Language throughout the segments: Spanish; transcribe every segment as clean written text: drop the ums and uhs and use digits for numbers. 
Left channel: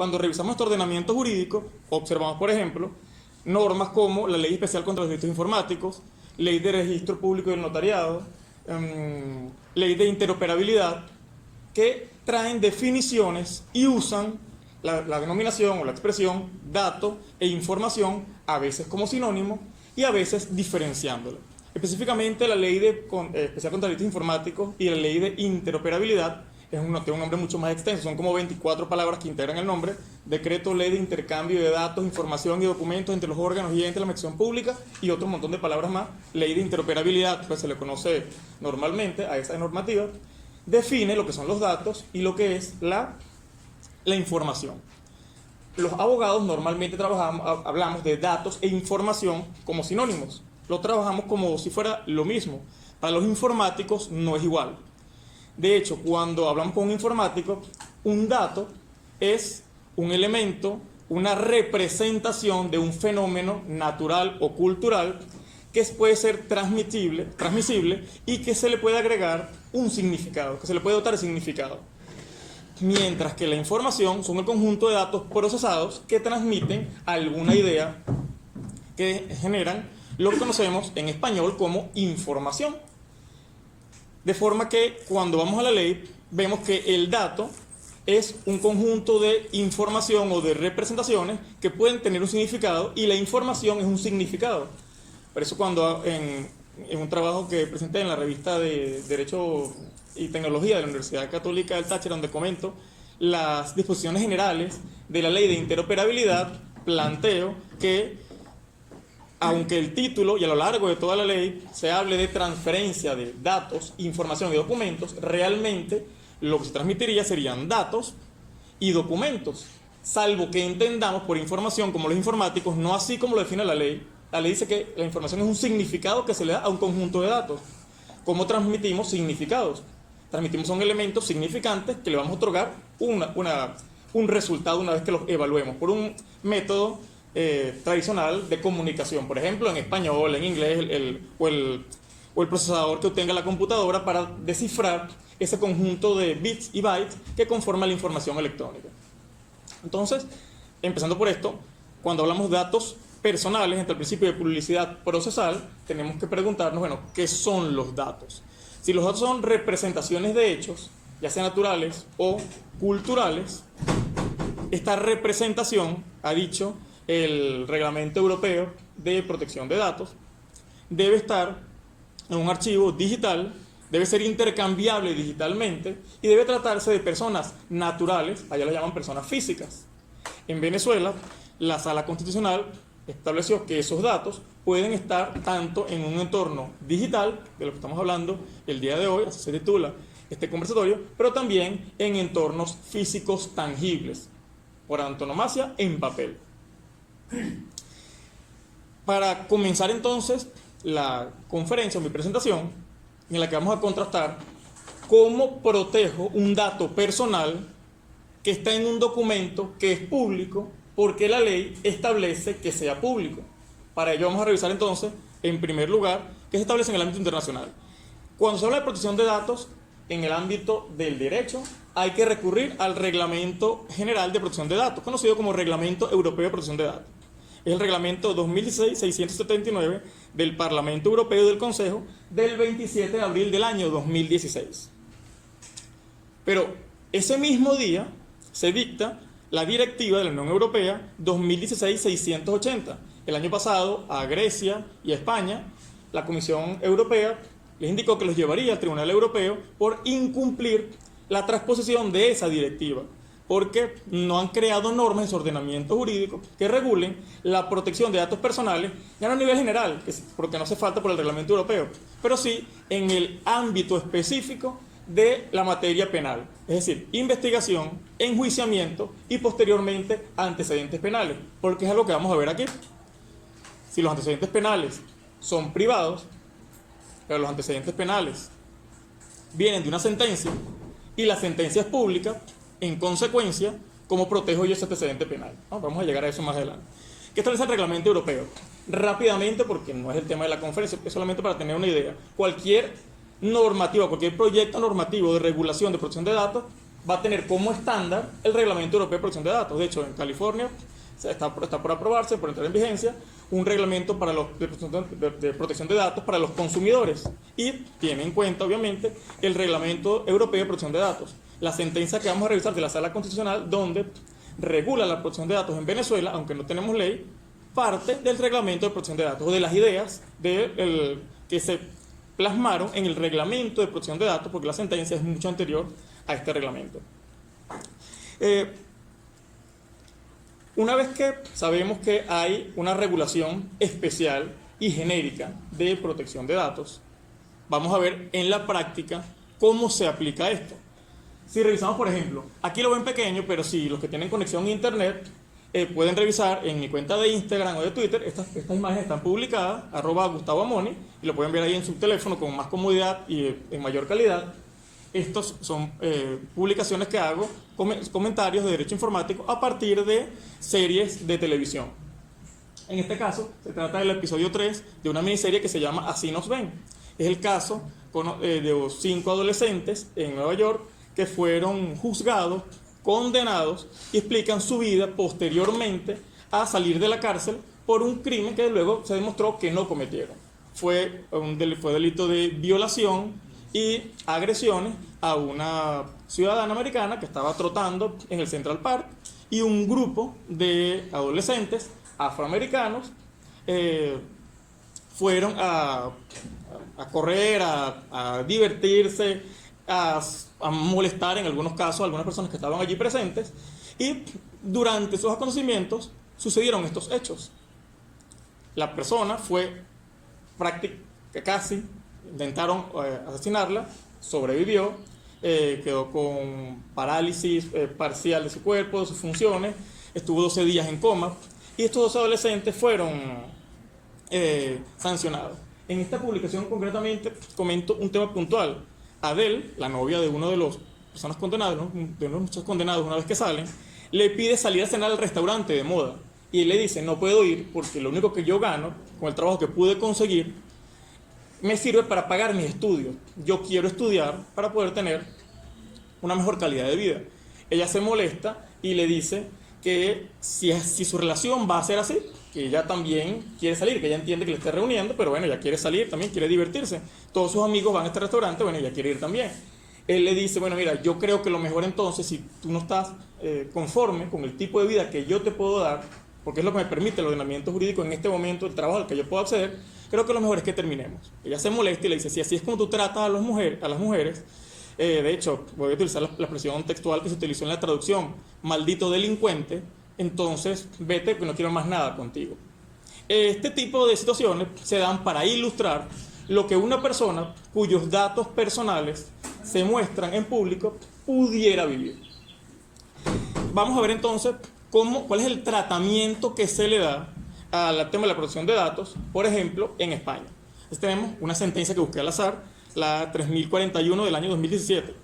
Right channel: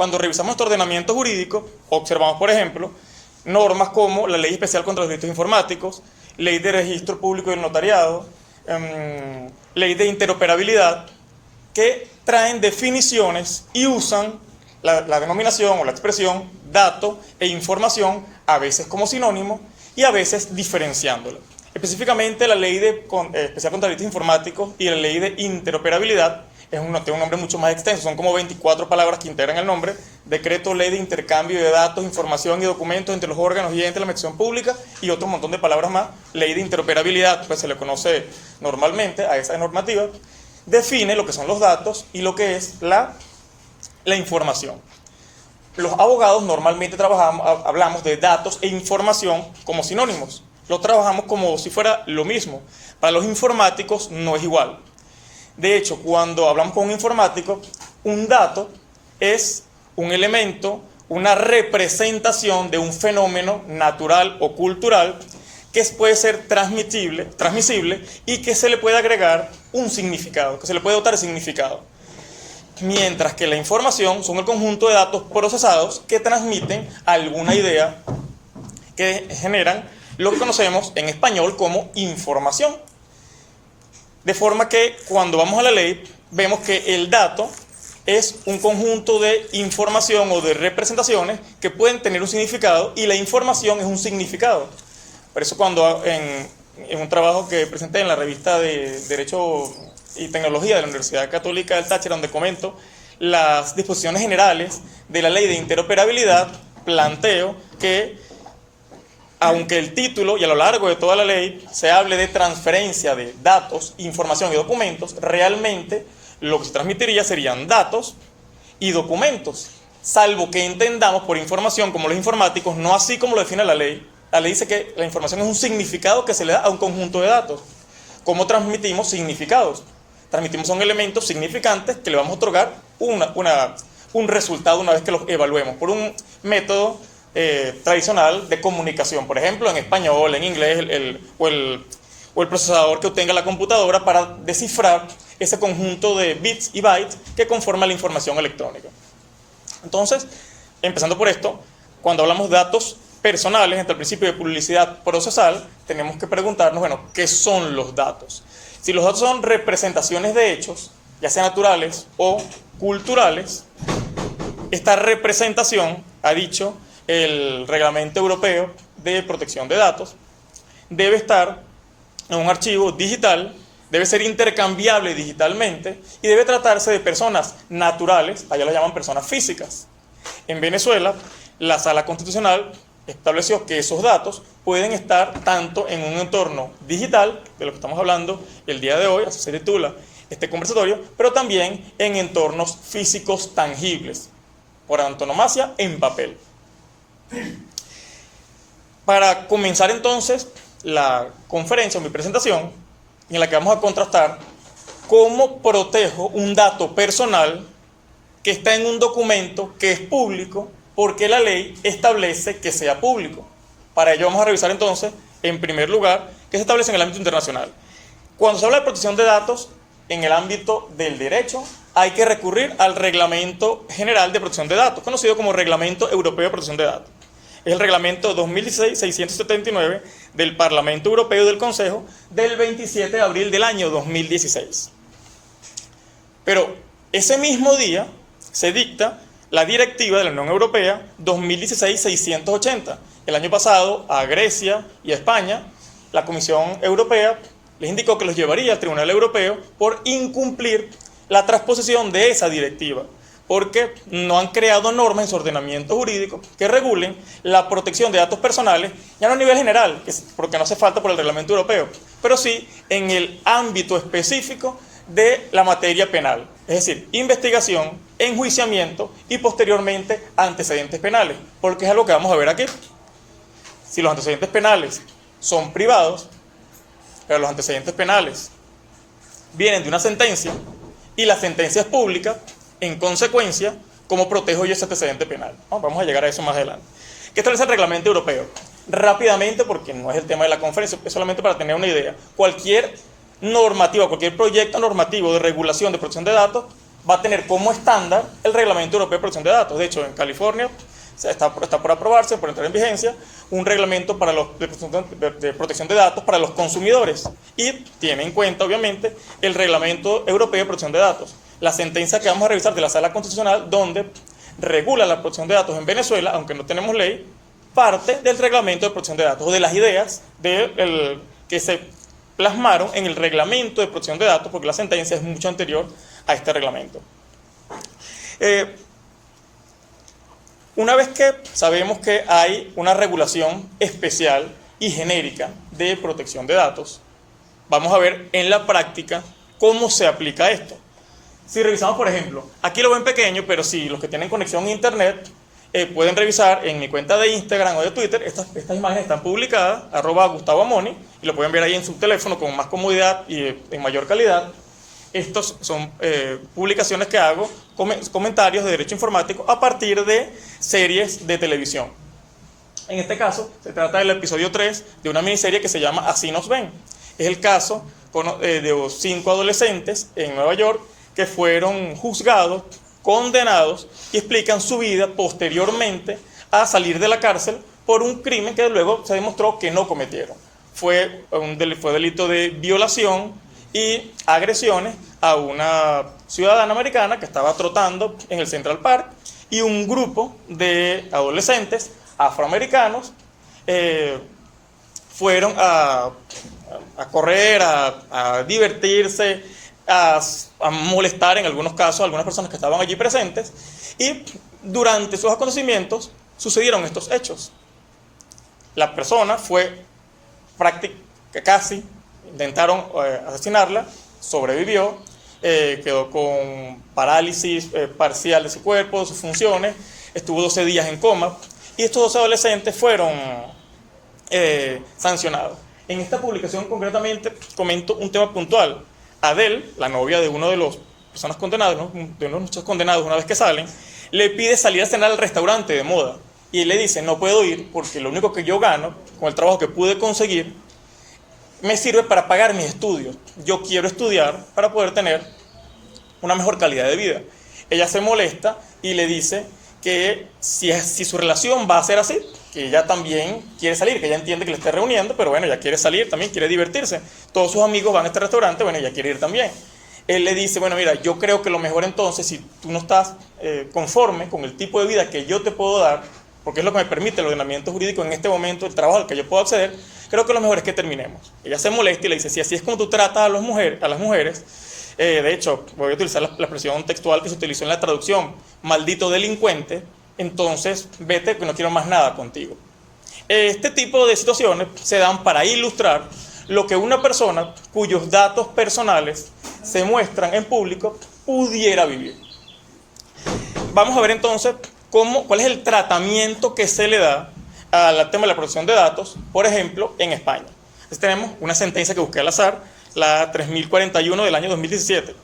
cuando revisamos nuestro ordenamiento jurídico, observamos, por ejemplo, normas como la Ley Especial contra los Delitos Informáticos, Ley de Registro Público del Notariado, Ley de Interoperabilidad, que traen definiciones y usan la denominación o la expresión dato e información, a veces como sinónimo y a veces diferenciándolo. Específicamente la Ley Especial contra Delitos Informáticos y la Ley de Interoperabilidad tiene un nombre mucho más extenso, son como 24 palabras que integran el nombre: decreto, ley de intercambio de datos, información y documentos entre los órganos y entes de la administración pública, y otro montón de palabras más. Ley de interoperabilidad, pues se le conoce normalmente a esa normativa, define lo que son los datos y lo que es la información. Los abogados normalmente hablamos de datos e información como sinónimos, lo trabajamos como si fuera lo mismo. Para los informáticos no es igual. De hecho, cuando hablamos con un informático, un dato es un elemento, una representación de un fenómeno natural o cultural que puede ser transmisible y que se le puede agregar un significado, que se le puede dotar de significado. Mientras que la información son el conjunto de datos procesados que transmiten alguna idea, que generan lo que conocemos en español como información. De forma que cuando vamos a la ley, vemos que el dato es un conjunto de información o de representaciones que pueden tener un significado, y la información es un significado. Por eso cuando en un trabajo que presenté en la revista de Derecho y Tecnología de la Universidad Católica del Táchira, donde comento las disposiciones generales de la Ley de Interoperabilidad, planteo que aunque el título y a lo largo de toda la ley se hable de transferencia de datos, información y documentos, realmente lo que se transmitiría serían datos y documentos, salvo que entendamos por información, como los informáticos, no así como lo define la ley. La ley dice que la información es un significado que se le da a un conjunto de datos. ¿Cómo transmitimos significados? Transmitimos son elementos significantes que le vamos a otorgar un resultado una vez que los evaluemos por un método tradicional de comunicación, por ejemplo en español, en inglés, o el procesador que obtenga la computadora para descifrar ese conjunto de bits y bytes que conforma la información electrónica. Entonces, empezando por esto, cuando hablamos de datos personales, entre el principio de publicidad procesal, tenemos que preguntarnos, bueno, ¿qué son los datos? Si los datos son representaciones de hechos, ya sean naturales o culturales, esta representación, ha dicho el Reglamento Europeo de Protección de Datos, debe estar en un archivo digital, debe ser intercambiable digitalmente y debe tratarse de personas naturales, allá lo llaman personas físicas. En Venezuela, la Sala Constitucional estableció que esos datos pueden estar tanto en un entorno digital, de lo que estamos hablando el día de hoy, así se titula este conversatorio, pero también en entornos físicos tangibles, por antonomasia en papel. Para comenzar entonces la conferencia, mi presentación, en la que vamos a contrastar cómo protejo un dato personal que está en un documento que es público, porque la ley establece que sea público. Para ello vamos a revisar entonces, en primer lugar, qué se establece en el ámbito internacional. Cuando se habla de protección de datos en el ámbito del derecho, hay que recurrir al Reglamento General de Protección de Datos, conocido como Reglamento Europeo de Protección de Datos. Es el reglamento 2016-679 del Parlamento Europeo y del Consejo del 27 de abril del año 2016. Pero ese mismo día se dicta la directiva de la Unión Europea 2016-680. El año pasado a Grecia y a España, la Comisión Europea les indicó que los llevaría al Tribunal Europeo por incumplir la transposición de esa directiva, porque no han creado normas en su ordenamiento jurídico que regulen la protección de datos personales, ya no a nivel general, porque no hace falta por el reglamento europeo, pero sí en el ámbito específico de la materia penal, es decir, investigación, enjuiciamiento y posteriormente antecedentes penales, porque es algo que vamos a ver aquí. Si los antecedentes penales son privados, pero los antecedentes penales vienen de una sentencia y la sentencia es pública, en consecuencia, ¿cómo protejo yo ese antecedente penal? Vamos a llegar a eso más adelante. ¿Qué establece el reglamento europeo? Rápidamente, porque no es el tema de la conferencia, es solamente para tener una idea. Cualquier normativa, cualquier proyecto normativo de regulación de protección de datos va a tener como estándar el Reglamento Europeo de Protección de Datos. De hecho, en California está por aprobarse, por entrar en vigencia, un reglamento de protección de datos para los consumidores y tiene en cuenta, obviamente, el Reglamento Europeo de Protección de Datos. La sentencia que vamos a revisar de la Sala Constitucional, donde regula la protección de datos en Venezuela, aunque no tenemos ley, parte del Reglamento de Protección de Datos o de las ideas que se plasmaron en el Reglamento de Protección de Datos, porque la sentencia es mucho anterior a este reglamento. Una vez que sabemos que hay una regulación especial y genérica de protección de datos, vamos a ver en la práctica cómo se aplica esto. Si revisamos, por ejemplo, aquí lo ven pequeño, pero si los que tienen conexión a internet pueden revisar en mi cuenta de Instagram o de Twitter, estas imágenes están publicadas, @GustavoAmoni, y lo pueden ver ahí en su teléfono con más comodidad y en mayor calidad. Estos son publicaciones que hago, comentarios de derecho informático a partir de series de televisión. En este caso, se trata del episodio 3 de una miniserie que se llama Así nos ven. Es el caso de 5 adolescentes en Nueva York que fueron juzgados, condenados y explican su vida posteriormente a salir de la cárcel por un crimen que luego se demostró que no cometieron. Fue delito de violación y agresiones a una ciudadana americana que estaba trotando en el Central Park, y un grupo de adolescentes afroamericanos fueron a correr, a divertirse, a molestar en algunos casos a algunas personas que estaban allí presentes, y durante sus acontecimientos sucedieron estos hechos. La persona fue casi intentaron asesinarla, sobrevivió, quedó con parálisis parcial de su cuerpo, de sus funciones, estuvo 12 días en coma, y estos 12 adolescentes fueron sancionados. En esta publicación concretamente comento un tema puntual. Adele, la novia de uno de los personas condenadas, ¿no? De uno de muchos condenados, una vez que salen, le pide salir a cenar al restaurante de moda, y él le dice: no puedo ir porque lo único que yo gano con el trabajo que pude conseguir me sirve para pagar mis estudios. Yo quiero estudiar para poder tener una mejor calidad de vida. Ella se molesta y le dice que si su relación va a ser así, que ella también quiere salir, que ella entiende que le está reuniendo, pero bueno, ella quiere salir también, quiere divertirse. Todos sus amigos van a este restaurante, bueno, ella quiere ir también. Él le dice: bueno, mira, yo creo que lo mejor entonces, si tú no estás conforme con el tipo de vida que yo te puedo dar, porque es lo que me permite el ordenamiento jurídico en este momento, el trabajo al que yo puedo acceder, creo que lo mejor es que terminemos. Ella se molesta y le dice: si así es como tú tratas a las mujeres, de hecho, voy a utilizar la expresión textual que se utilizó en la traducción, maldito delincuente, entonces vete, que no quiero más nada contigo. Este tipo de situaciones se dan para ilustrar lo que una persona cuyos datos personales se muestran en público pudiera vivir. Vamos a ver entonces cuál es el tratamiento que se le da al tema de la protección de datos, por ejemplo, en España. Entonces tenemos una sentencia que busqué al azar, la 3041 del año 2017.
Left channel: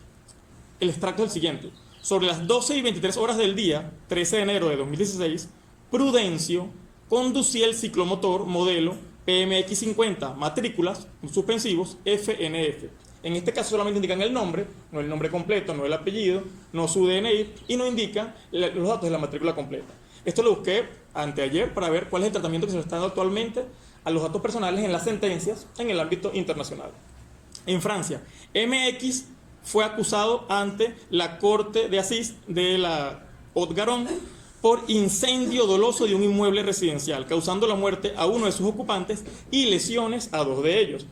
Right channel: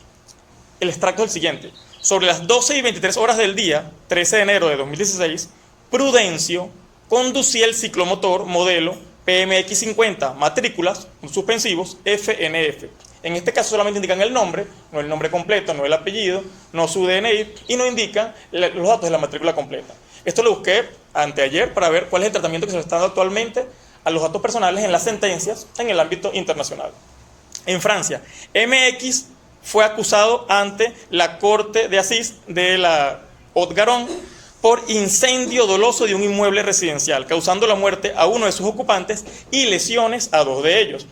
El extracto es el siguiente: sobre las 12:23 del día, 13 de enero de 2016, Prudencio conducía el ciclomotor modelo PMX50, matrículas suspensivos FNF. En este caso solamente indican el nombre, no el nombre completo, no el apellido, no su DNI, y no indican los datos de la matrícula completa. Esto lo busqué anteayer para ver cuál es el tratamiento que se le está dando actualmente a los datos personales en las sentencias en el ámbito internacional. En Francia, MX fue acusado ante la Corte de Asís de la Haute-Garonne por incendio doloso de un inmueble residencial, causando la muerte a uno de sus ocupantes y lesiones a 2 de ellos.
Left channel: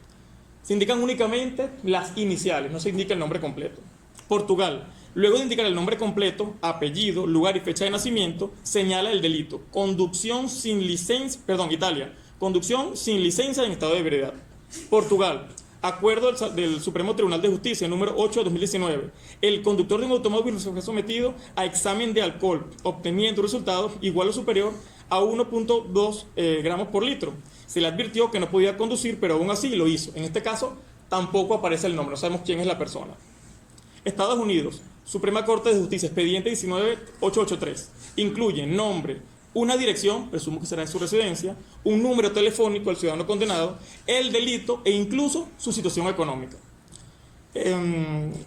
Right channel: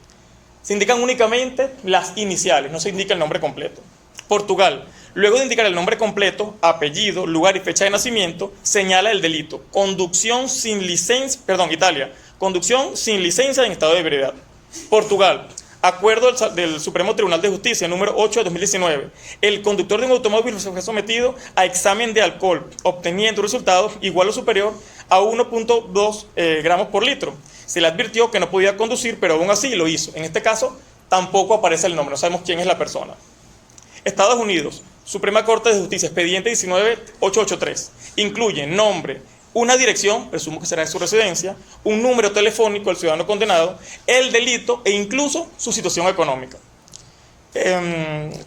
Se indican únicamente las iniciales, no se indica el nombre completo. Portugal, luego de indicar el nombre completo, apellido, lugar y fecha de nacimiento, señala el delito: conducción sin licencia, Italia, conducción sin licencia en estado de ebriedad. Portugal, acuerdo del Supremo Tribunal de Justicia número 8 de 2019. El conductor de un automóvil fue sometido a examen de alcohol, obteniendo resultados igual o superior a 1.2 gramos por litro. Se le advirtió que no podía conducir, pero aún así lo hizo. En este caso, tampoco aparece el nombre, no sabemos quién es la persona. Estados Unidos, Suprema Corte de Justicia, expediente 19883. Incluye nombre, una dirección, presumo que será de su residencia, un número telefónico del ciudadano condenado, el delito e incluso su situación económica.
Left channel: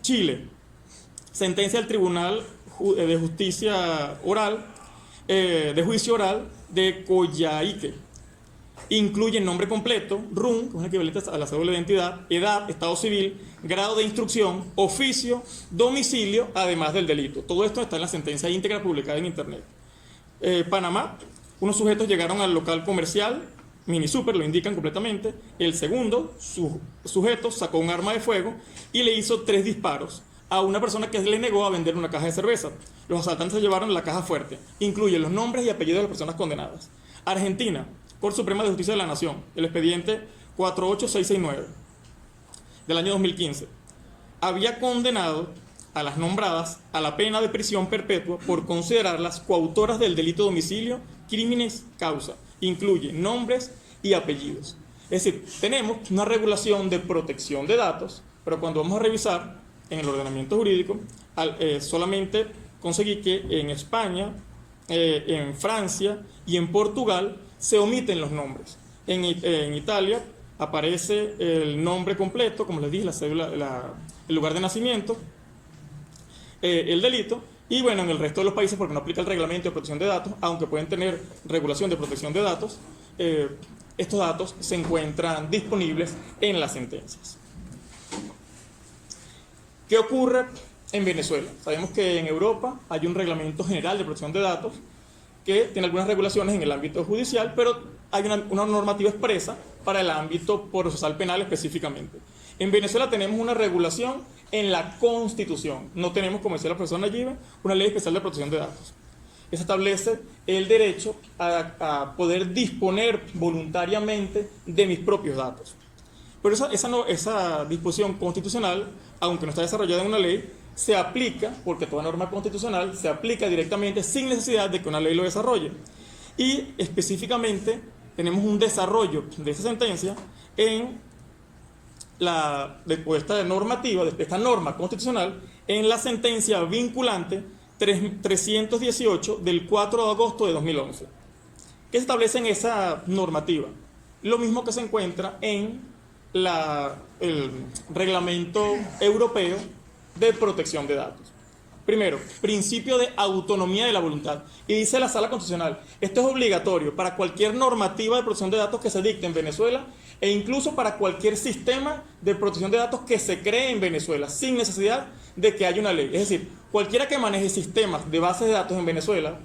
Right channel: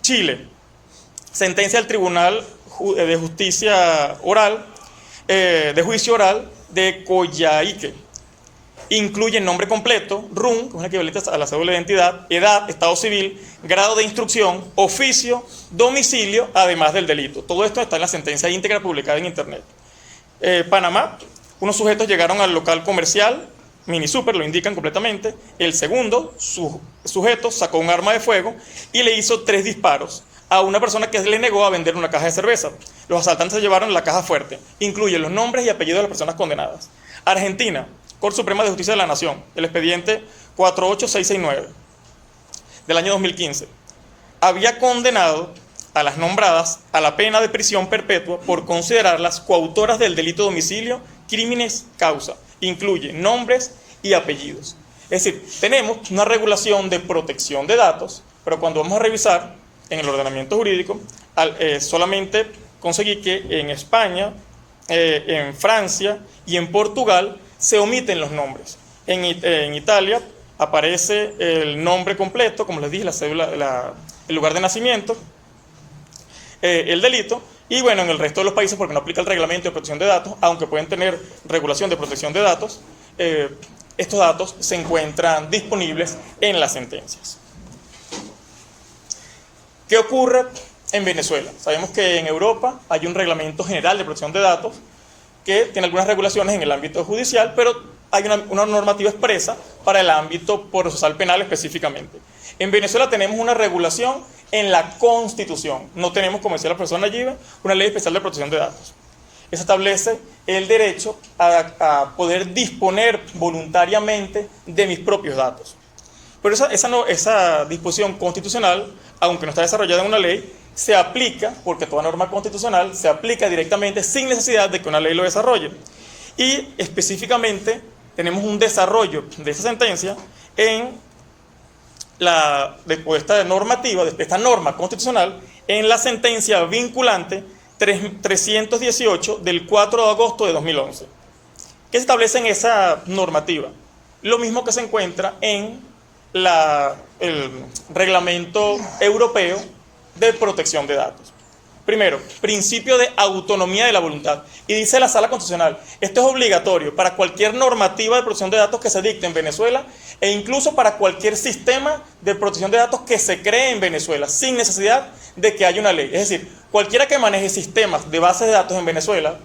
Chile, sentencia del Tribunal de Justicia Oral, de Juicio Oral de Coyhaique. Incluye nombre completo, RUN, que es un equivalente a la cédula de identidad, edad, estado civil, grado de instrucción, oficio, domicilio, además del delito. Todo esto está en la sentencia íntegra publicada en Internet. Panamá, unos sujetos llegaron al local comercial, Mini Super, lo indican completamente. El segundo sujeto sacó un arma de fuego y le hizo 3 disparos a una persona que le negó a vender una caja de cerveza. Los asaltantes se llevaron la caja fuerte. Incluye los nombres y apellidos de las personas condenadas. Argentina, Corte Suprema de Justicia de la Nación, el expediente 48669 del año 2015. Había condenado a las nombradas a la pena de prisión perpetua por considerarlas coautoras del delito de homicidio, crímenes causa. Incluye nombres y apellidos. Es decir, tenemos una regulación de protección de datos, pero cuando vamos a revisar en el ordenamiento jurídico, solamente conseguí que en España, en Francia y en Portugal se omiten los nombres. En Italia aparece el nombre completo, como les dije, la cédula, el lugar de nacimiento, el delito, y bueno, en el resto de los países, porque no aplica el reglamento de protección de datos, aunque pueden tener regulación de protección de datos, estos datos se encuentran disponibles en las sentencias. ¿Qué ocurre en Venezuela? Sabemos que en Europa hay un reglamento general de protección de datos que tiene algunas regulaciones en el ámbito judicial, pero hay una normativa expresa para el ámbito procesal penal específicamente. En Venezuela tenemos una regulación en la Constitución. No tenemos, como decía la profesora Nayibe, una ley especial de protección de datos. Eso establece el derecho a poder disponer voluntariamente de mis propios datos. Pero esa disposición constitucional, aunque no está desarrollada en una ley, se aplica, porque toda norma constitucional se aplica directamente sin necesidad de que una ley lo desarrolle. Y específicamente tenemos un desarrollo de esa sentencia en después de esta normativa, después de esta norma constitucional, en la sentencia vinculante 318 del 4 de agosto de 2011. ¿Qué se establece en esa normativa? Lo mismo que se encuentra en el reglamento europeo de protección de datos. Primero, principio de autonomía de la voluntad. Y dice la Sala Constitucional, esto es obligatorio para cualquier normativa de protección de datos que se dicte en Venezuela e incluso para cualquier sistema de protección de datos que se cree en Venezuela, sin necesidad de que haya una ley. Es decir, cualquiera que maneje sistemas de bases de datos en Venezuela,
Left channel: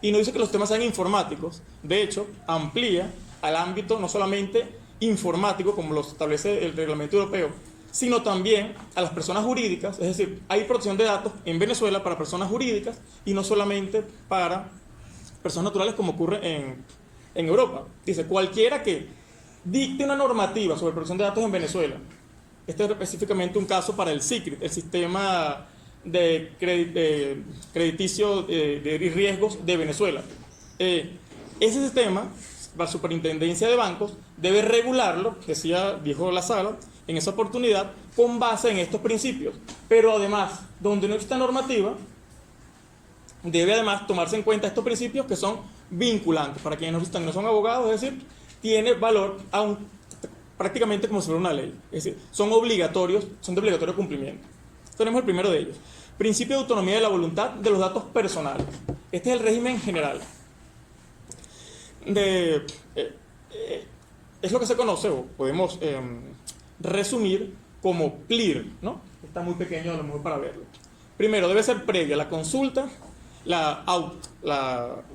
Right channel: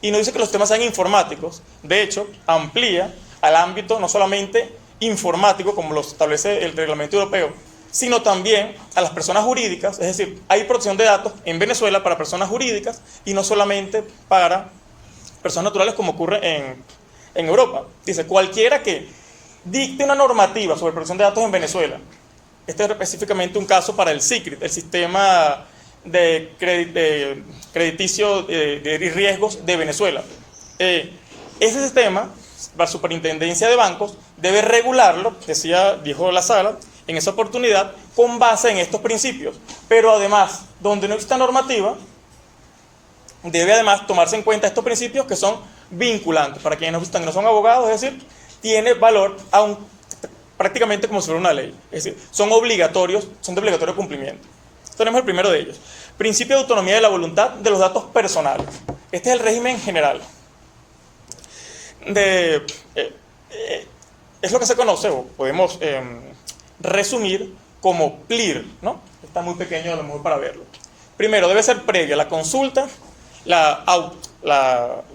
y no dice que los sistemas sean informáticos, de hecho, amplía al ámbito no solamente informático, como lo establece el reglamento europeo, sino también a las personas jurídicas. Es decir, hay protección de datos en Venezuela para personas jurídicas y no solamente para personas naturales como ocurre en Europa. Dice, cualquiera que dicte una normativa sobre protección de datos en Venezuela, este es específicamente un caso para el SICRIT, el sistema de crediticio de riesgos de Venezuela. Ese sistema, la superintendencia de bancos, debe regularlo, dijo la sala, en esa oportunidad, con base en estos principios. Pero además, donde no exista normativa, debe además tomarse en cuenta estos principios que son vinculantes. Para quienes no son abogados, es decir, tiene valor prácticamente como si fuera una ley. Es decir, son obligatorios, son de obligatorio cumplimiento. Tenemos el primero de ellos. Principio de autonomía de la voluntad de los datos personales. Este es el régimen general. Es lo que se conoce, o podemos resumir como PLIR, ¿no? Está muy pequeño a lo mejor para verlo. Primero, debe ser previa la consulta. El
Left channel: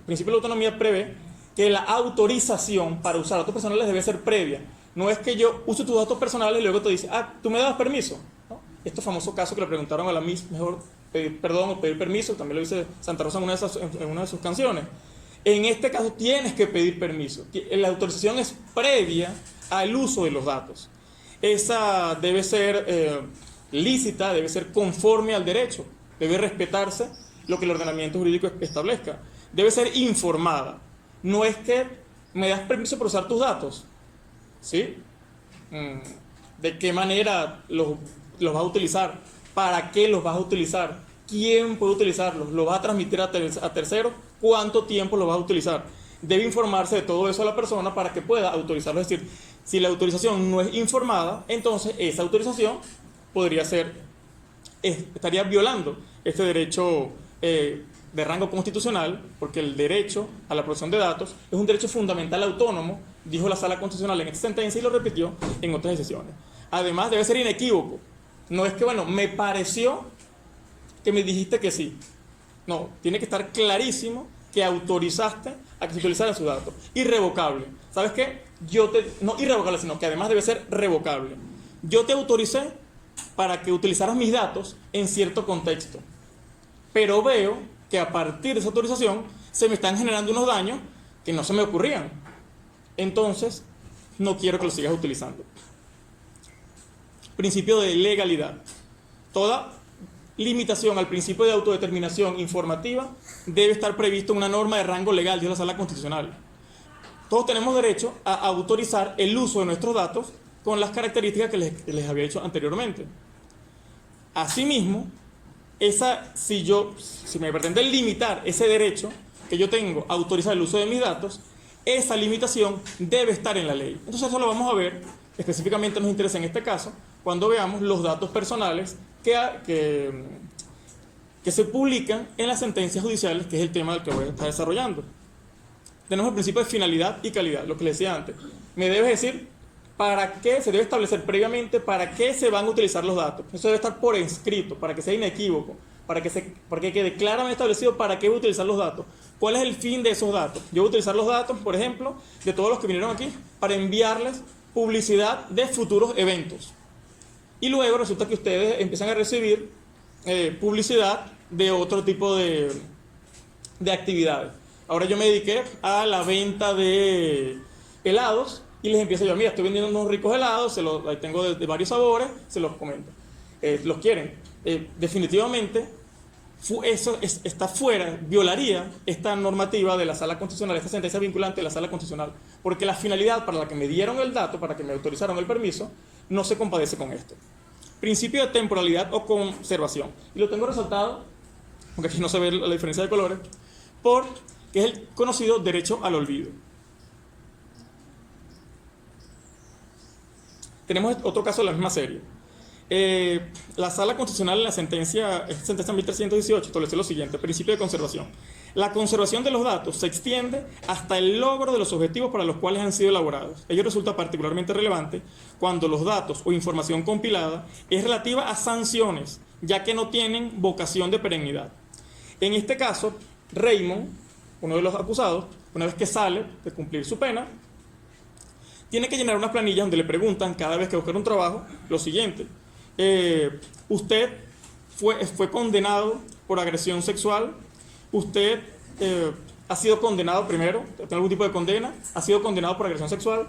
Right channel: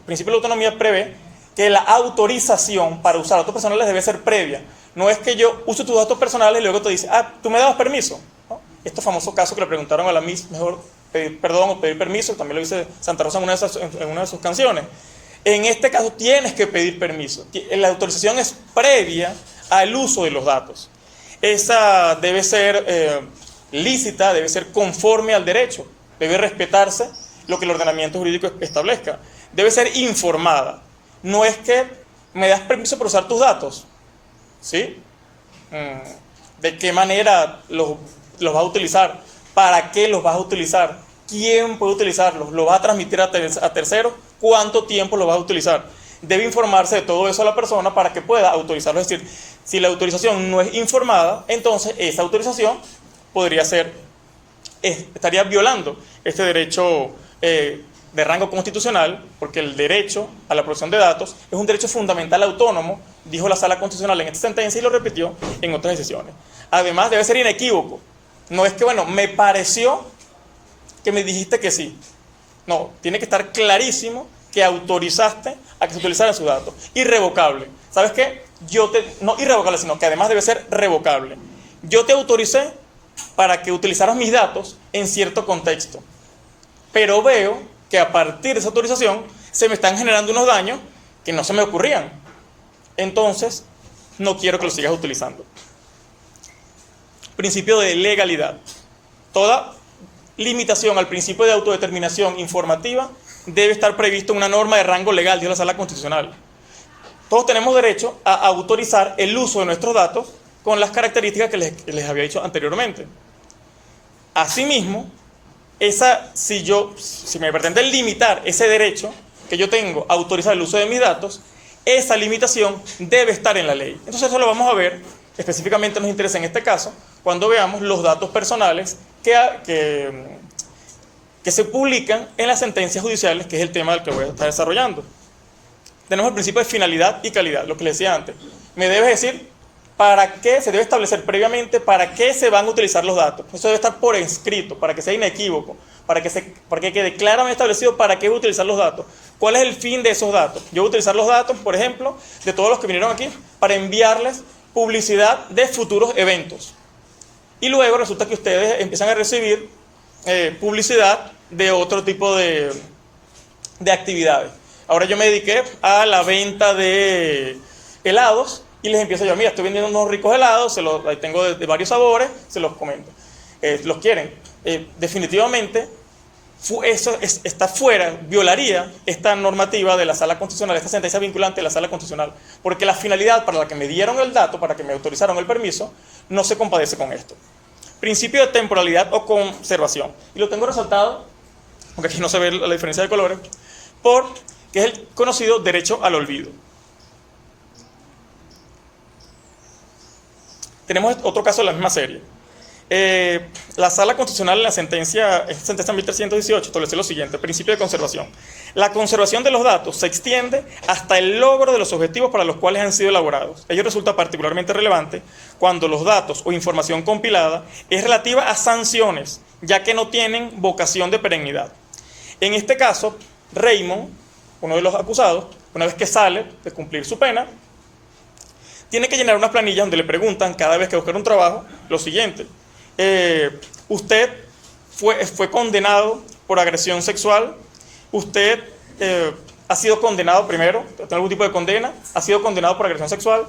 principio de la autonomía prevé que la autorización para usar datos personales debe ser previa. No es que yo use tus datos personales y luego te dice, tú me dabas permiso, ¿no? Este famoso caso que le preguntaron a la Miss, mejor pedir perdón o pedir permiso, también lo dice Santa Rosa en una de sus canciones. En este caso tienes que pedir permiso. La autorización es previa al uso de los datos. Esa debe ser lícita, debe ser conforme al derecho, debe respetarse lo que el ordenamiento jurídico establezca. Debe ser informada. No es que me das permiso para usar tus datos, ¿sí? ¿De qué manera los vas a utilizar? ¿Para qué los vas a utilizar? ¿Quién puede utilizarlos? ¿Lo vas a transmitir a terceros? ¿Cuánto tiempo lo vas a utilizar? Debe informarse de todo eso a la persona para que pueda autorizarlo. Es decir, si la autorización no es informada, entonces esa autorización podría ser estaría violando este derecho de rango constitucional, porque el derecho a la protección de datos es un derecho fundamental autónomo, dijo la Sala Constitucional en esta sentencia y lo repitió en otras decisiones. Además, debe ser inequívoco. No es que, bueno, me pareció que me dijiste que sí. No, tiene que estar clarísimo que autorizaste a que se utilizaran sus datos. Irrevocable. ¿Sabes qué? No irrevocable, sino que además debe ser revocable. Yo te autoricé para que utilizaras mis datos en cierto contexto. Pero veo que a partir de esa autorización se me están generando unos daños que no se me ocurrían. Entonces, no quiero que lo sigas utilizando. Principio de legalidad. Toda limitación al principio de autodeterminación informativa debe estar previsto en una norma de rango legal, dice la Sala Constitucional. Todos tenemos derecho a autorizar el uso de nuestros datos con las características que les había dicho anteriormente. Asimismo, si me pretende limitar ese derecho que yo tengo a autorizar el uso de mis datos, esa limitación debe estar en la ley. Entonces eso lo vamos a ver, específicamente nos interesa en este caso, cuando veamos los datos personales que se publican en las sentencias judiciales, que es el tema del que voy a estar desarrollando. Tenemos el principio de finalidad y calidad, lo que les decía antes. Me debes decir para qué se debe establecer previamente, para qué se van a utilizar los datos. Eso debe estar por escrito, para que sea inequívoco, para que quede claramente establecido para qué voy a utilizar los datos. ¿Cuál es el fin de esos datos? Yo voy a utilizar los datos, por ejemplo, de todos los que vinieron aquí, para enviarles publicidad de futuros eventos. Y luego resulta que ustedes empiezan a recibir publicidad de otro tipo de actividades. Ahora yo me dediqué a la venta de helados y les empiezo yo, mira, estoy vendiendo unos ricos helados, ahí tengo de varios sabores, se los comento. Los quieren. Definitivamente, eso está fuera, violaría esta normativa de la Sala Constitucional, esta sentencia vinculante de la Sala Constitucional, porque la finalidad para la que me dieron el dato, para que me autorizaron el permiso, no se compadece con esto. Principio de temporalidad o conservación. Y lo tengo resaltado, aunque aquí no se ve la diferencia de colores, que es el conocido derecho al olvido. Tenemos otro caso de la misma serie. La Sala Constitucional en la sentencia 1318 estableció lo siguiente: principio de conservación. La conservación de los datos se extiende hasta el logro de los objetivos para los cuales han sido elaborados. Ello resulta particularmente relevante cuando los datos o información compilada es relativa a sanciones, ya que no tienen vocación de perennidad. En este caso, Raymond, uno de los acusados, una vez que sale de cumplir su pena, tiene que llenar unas planillas donde le preguntan cada vez que busca un trabajo lo siguiente: usted fue condenado por agresión sexual, usted ha sido condenado primero, tiene algún tipo de condena, ha sido condenado por agresión sexual.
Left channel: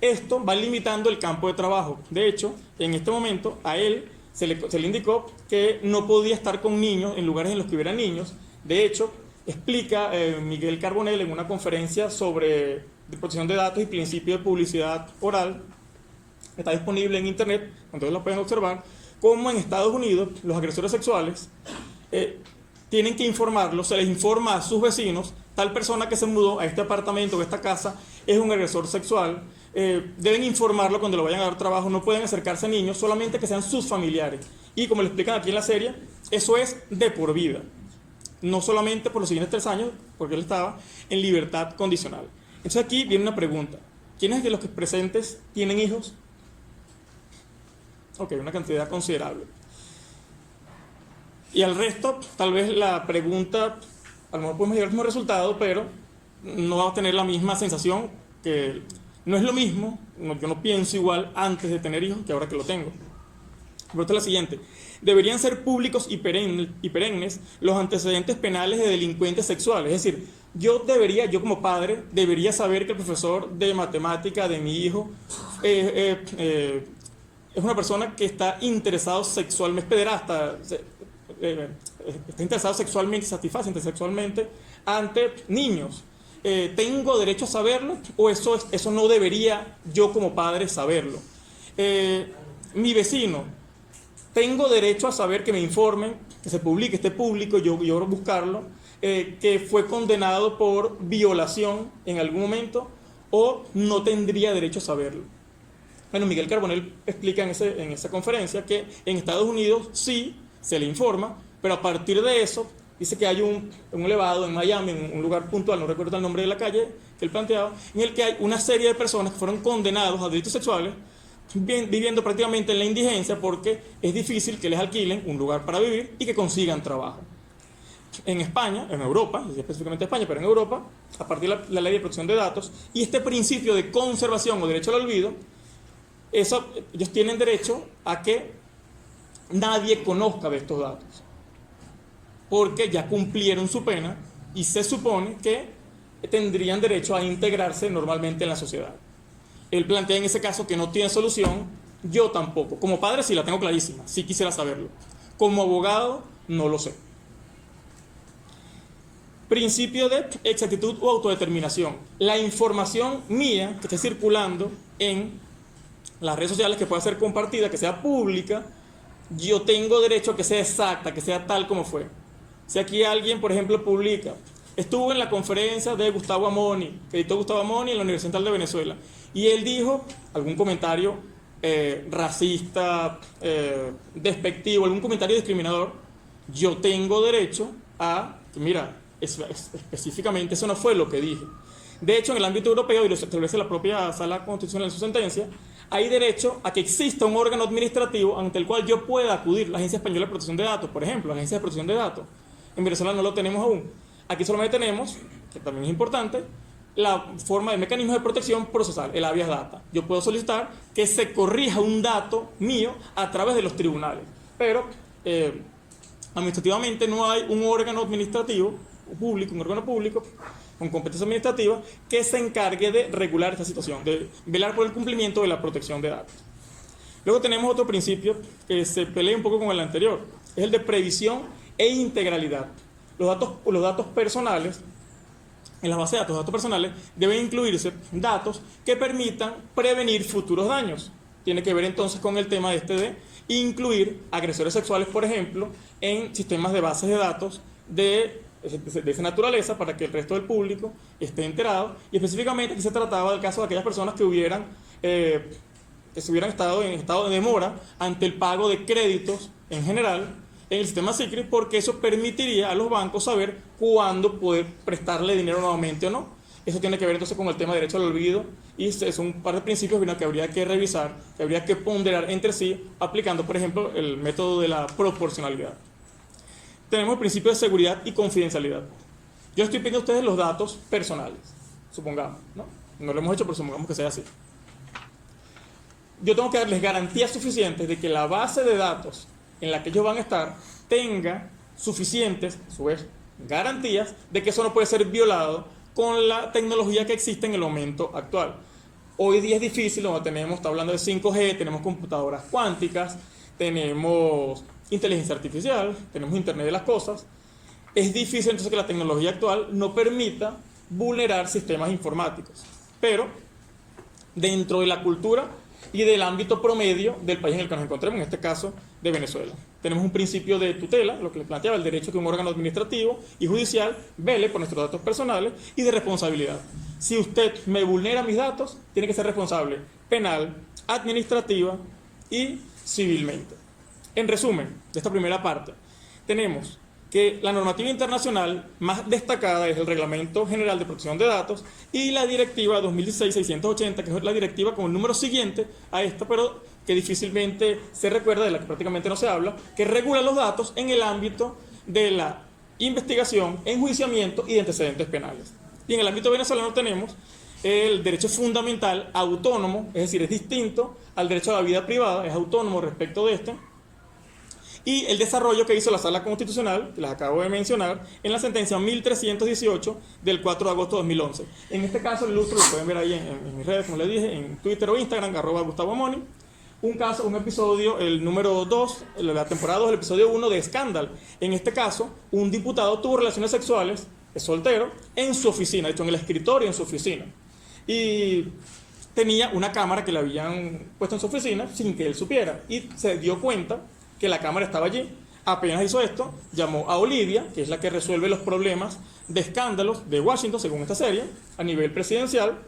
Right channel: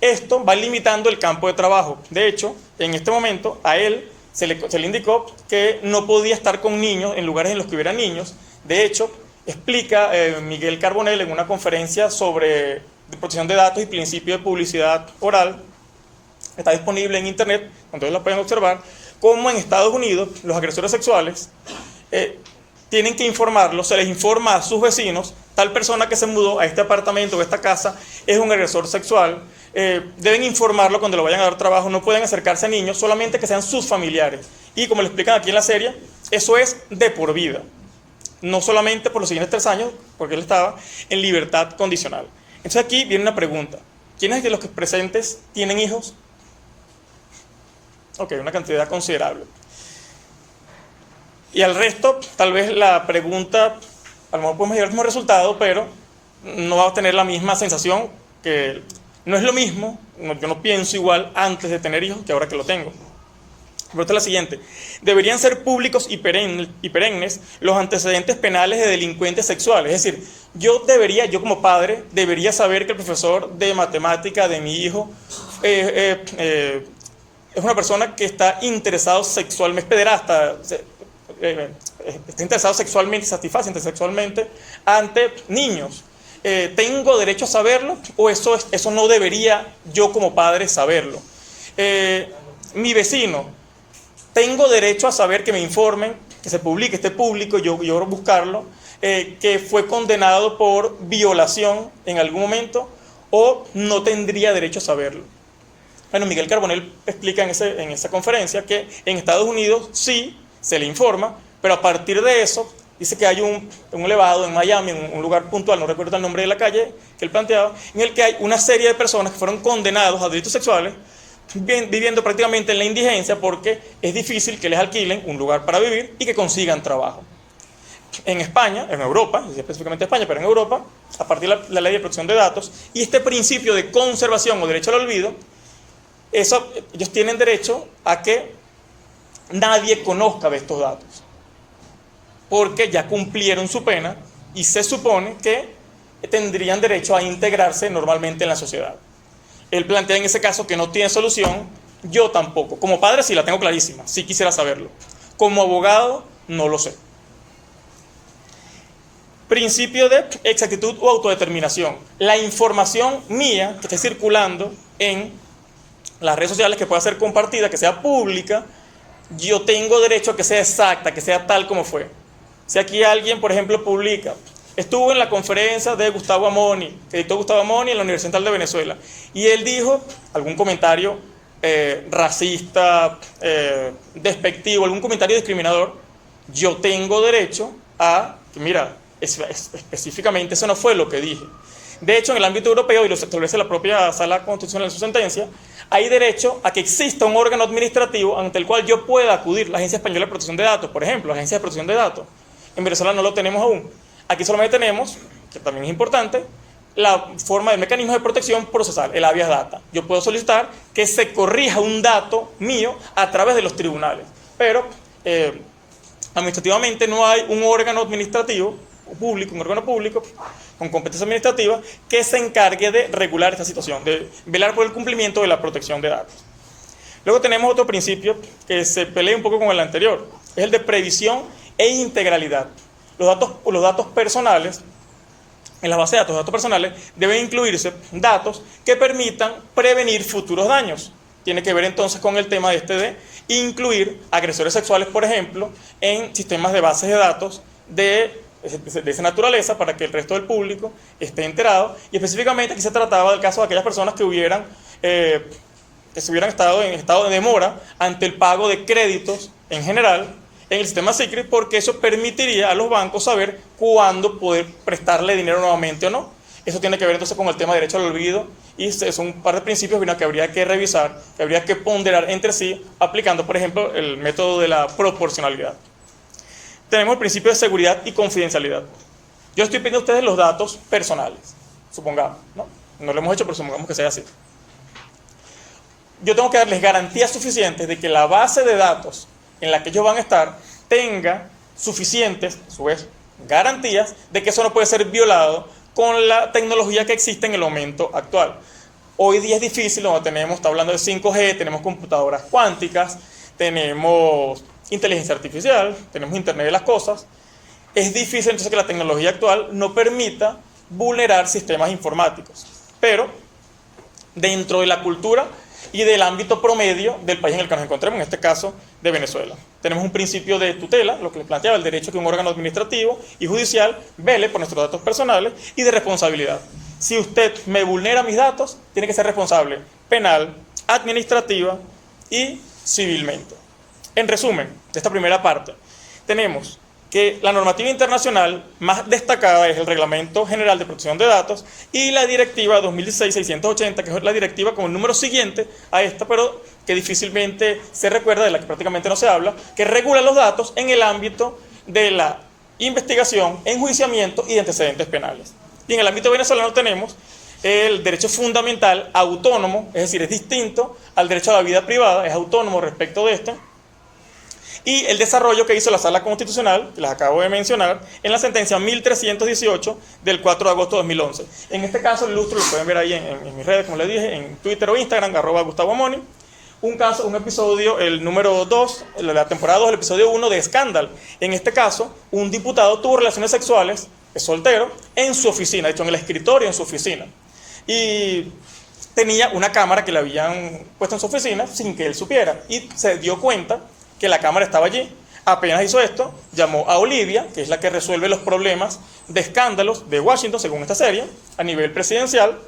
Esto va limitando el campo de trabajo. De hecho, en este momento a él se le indicó que no podía estar con niños en lugares en los que hubiera niños. De hecho, explica Miguel Carbonell en una conferencia sobre protección de datos y principio de publicidad oral, está disponible en internet, entonces lo pueden observar, cómo en Estados Unidos los agresores sexuales tienen que informarlo, se les informa a sus vecinos: tal persona que se mudó a este apartamento o a esta casa es un agresor sexual, deben informarlo cuando le vayan a dar trabajo, no pueden acercarse a niños, solamente que sean sus familiares. Y como lo explican aquí en la serie, eso es de por vida, no solamente por los siguientes 3 años, porque él estaba en libertad condicional. Entonces aquí viene una pregunta: ¿quiénes de los que presentes tienen hijos? Ok, una cantidad considerable. Y al resto, tal vez la pregunta, a lo mejor podemos llegar al mismo resultado, pero no va a tener la misma sensación, que no es lo mismo, yo no pienso igual antes de tener hijos que ahora que lo tengo. La pregunta es la siguiente: ¿deberían ser públicos y perennes los antecedentes penales de delincuentes sexuales? Es decir, yo como padre, debería saber que el profesor de matemática de mi hijo es una persona que está interesado sexualmente, es pederasta, está interesado sexualmente, satisface sexualmente ante niños. ¿Tengo derecho a saberlo o eso no debería yo como padre saberlo? Mi vecino, ¿tengo derecho a saber que me informen, que se publique, esté público, yo buscarlo, que fue condenado por violación en algún momento, o no tendría derecho a saberlo? Bueno, Miguel Carbonell explica en esa conferencia que en Estados Unidos sí se le informa, pero a partir de eso dice que hay un elevado en Miami, en un lugar puntual, no recuerdo el nombre de la calle que él planteaba, en el que hay una serie de personas que fueron condenados a delitos sexuales viviendo prácticamente en la indigencia porque es difícil que les alquilen un lugar para vivir y que consigan trabajo. En España, en Europa, específicamente España, pero en Europa, a partir de la ley de protección de datos y este principio de conservación o derecho al olvido, ellos tienen derecho a que nadie conozca de estos datos, porque ya cumplieron su pena y se supone que tendrían derecho a integrarse normalmente en la sociedad. Él plantea en ese caso que no tiene solución, yo tampoco. Como padre sí la tengo clarísima, sí quisiera saberlo. Como abogado no lo sé. Principio de exactitud o autodeterminación. La información mía que esté circulando en las redes sociales, que pueda ser compartida, que sea pública, yo tengo derecho a que sea exacta, que sea tal como fue. Si aquí alguien, por ejemplo, publica, estuvo en la conferencia de Gustavo Amoni, que dictó Gustavo Amoni en la Universidad Central de Venezuela, y él dijo algún comentario racista, despectivo, algún comentario discriminador, yo tengo derecho a, mira, específicamente eso no fue lo que dije. De hecho, en el ámbito europeo, y lo establece la propia Sala Constitucional en su sentencia, hay derecho a que exista un órgano administrativo ante el cual yo pueda acudir, la Agencia Española de Protección de Datos, por ejemplo, la Agencia de Protección de Datos. En Venezuela no lo tenemos aún. Aquí solamente tenemos, que también es importante, la forma del mecanismo de protección procesal, el habeas data. Yo puedo solicitar que se corrija un dato mío a través de los tribunales, pero administrativamente no hay un órgano administrativo público, un órgano público con competencia administrativa que se encargue de regular esta situación, de velar por el cumplimiento de la protección de datos. Luego tenemos otro principio que se pelea un poco con el anterior, es el de previsión e integralidad. Los datos personales, en la base de datos personales, deben incluirse datos que permitan prevenir futuros daños. Tiene que ver entonces con el tema de incluir agresores sexuales, por ejemplo, en sistemas de bases de datos de esa naturaleza para que el resto del público esté enterado. Y específicamente aquí se trataba del caso de aquellas personas que hubieran estado en estado de demora ante el pago de créditos en general en el sistema SICRIT, porque eso permitiría a los bancos saber cuándo poder prestarle dinero nuevamente o no. Eso tiene que ver entonces con el tema de derecho al olvido, y son un par de principios que habría que revisar, que habría que ponderar entre sí, aplicando, por ejemplo, el método de la proporcionalidad. Tenemos el principio de seguridad y confidencialidad. Yo estoy pidiendo a ustedes los datos personales, supongamos, ¿no? No lo hemos hecho, pero supongamos que sea así. Yo tengo que darles garantías suficientes de que la base de datos en la que ellos van a estar tenga suficientes, a su vez, garantías de que eso no puede ser violado con la tecnología que existe en el momento actual. Hoy día es difícil, está hablando de 5G, tenemos computadoras cuánticas, tenemos inteligencia artificial, tenemos Internet de las cosas. Es difícil entonces que la tecnología actual no permita vulnerar sistemas informáticos. Pero dentro de la cultura y del ámbito promedio del país en el que nos encontremos, en este caso de Venezuela, tenemos un principio de tutela, lo que les planteaba, el derecho a que un órgano administrativo y judicial vele por nuestros datos personales, y de responsabilidad. Si usted me vulnera mis datos, tiene que ser responsable penal, administrativa y civilmente. En resumen, de esta primera parte, tenemos que la normativa internacional más destacada es el Reglamento General de Protección de Datos y la Directiva 2016-680, que es la directiva con el número siguiente a esta, pero que difícilmente se recuerda, de la que prácticamente no se habla, que regula los datos en el ámbito de la investigación, enjuiciamiento y de antecedentes penales. Y en el ámbito venezolano tenemos el derecho fundamental autónomo, es decir, es distinto al derecho a la vida privada, es autónomo respecto de este, y el desarrollo que hizo la Sala Constitucional, que les acabo de mencionar, en la sentencia 1318 del 4 de agosto de 2011. En este caso, el ilustro, lo pueden ver ahí en mis redes, como les dije, en Twitter o Instagram, @Gustavo Amoni. Un episodio, el número 2, la temporada 2, el episodio 1 de Escándalo. En este caso, un diputado tuvo relaciones sexuales, es soltero, en su oficina, de hecho en el escritorio en su oficina. Y tenía una cámara que le habían puesto en su oficina sin que él supiera. Y se dio cuenta que la cámara estaba allí. Apenas hizo esto, llamó a Olivia, que es la que resuelve los problemas de escándalos de Washington, según esta serie, a nivel presidencial,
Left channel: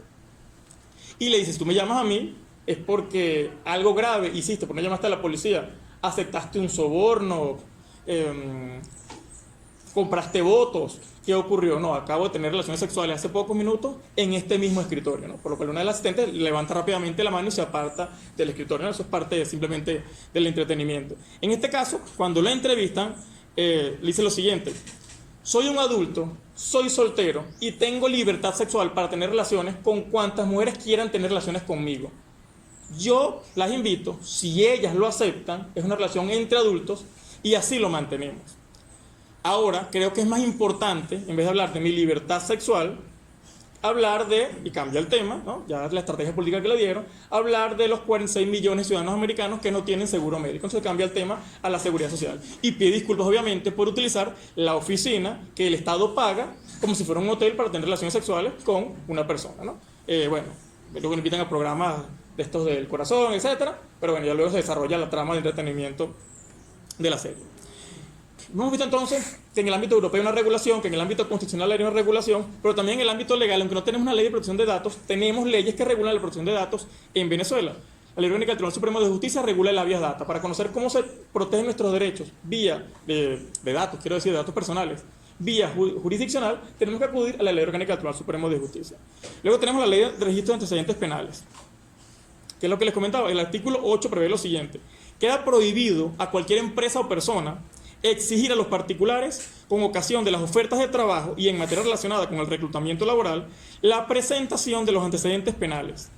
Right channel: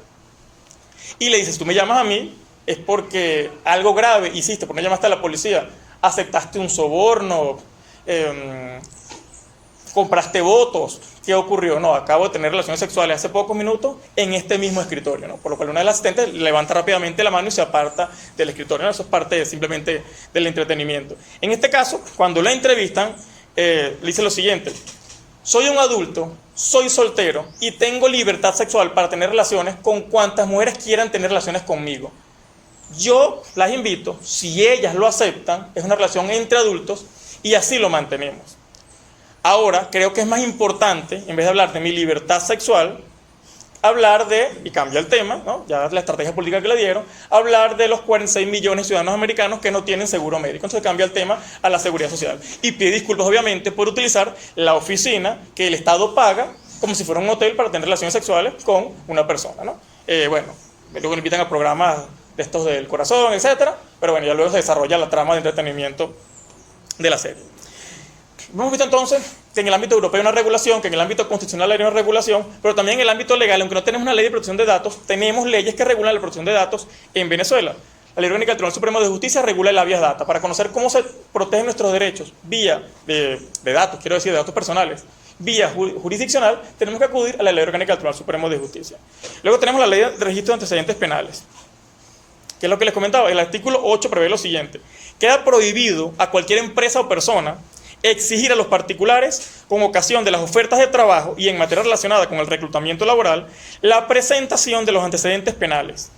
y le dice: si tú me llamas a mí, es porque algo grave hiciste, porque no llamaste a la policía, aceptaste un soborno, compraste votos, ¿qué ocurrió? No, acabo de tener relaciones sexuales hace pocos minutos en este mismo escritorio, ¿no? Por lo cual una de las asistentes levanta rápidamente la mano y se aparta del escritorio, ¿no? Eso es parte simplemente del entretenimiento. En este caso, cuando la entrevistan, le dice lo siguiente: soy un adulto, soy soltero y tengo libertad sexual para tener relaciones con cuantas mujeres quieran tener relaciones conmigo. Yo las invito, si ellas lo aceptan, es una relación entre adultos y así lo mantenemos. Ahora, creo que es más importante, en vez de hablar de mi libertad sexual, hablar de, y cambia el tema, ¿no? Ya la estrategia política que le dieron, hablar de los 46 millones de ciudadanos americanos que no tienen seguro médico. Entonces cambia el tema a la seguridad social. Y pide disculpas, obviamente, por utilizar la oficina que el Estado paga como si fuera un hotel para tener relaciones sexuales con una persona, ¿no? Bueno, luego invitan a programas de estos del corazón, etcétera, pero bueno, ya luego se desarrolla la trama de entretenimiento de la serie. Hemos visto entonces que en el ámbito europeo hay una regulación, que en el ámbito constitucional hay una regulación, pero también en el ámbito legal, aunque no tenemos una ley de protección de datos, tenemos leyes que regulan la protección de datos en Venezuela. La Ley Orgánica del Tribunal Supremo de Justicia regula el habeas data para conocer cómo se protegen nuestros derechos vía de datos, quiero decir, de datos personales. Vía jurisdiccional, tenemos que acudir a la Ley Orgánica del Tribunal Supremo de Justicia. Luego tenemos la Ley de Registro de Antecedentes Penales, que es lo que les comentaba. El artículo 8 prevé lo siguiente: queda prohibido a cualquier empresa o persona exigir a los particulares, con ocasión de las ofertas de trabajo y en materia relacionada con el reclutamiento laboral, la presentación de los antecedentes penales.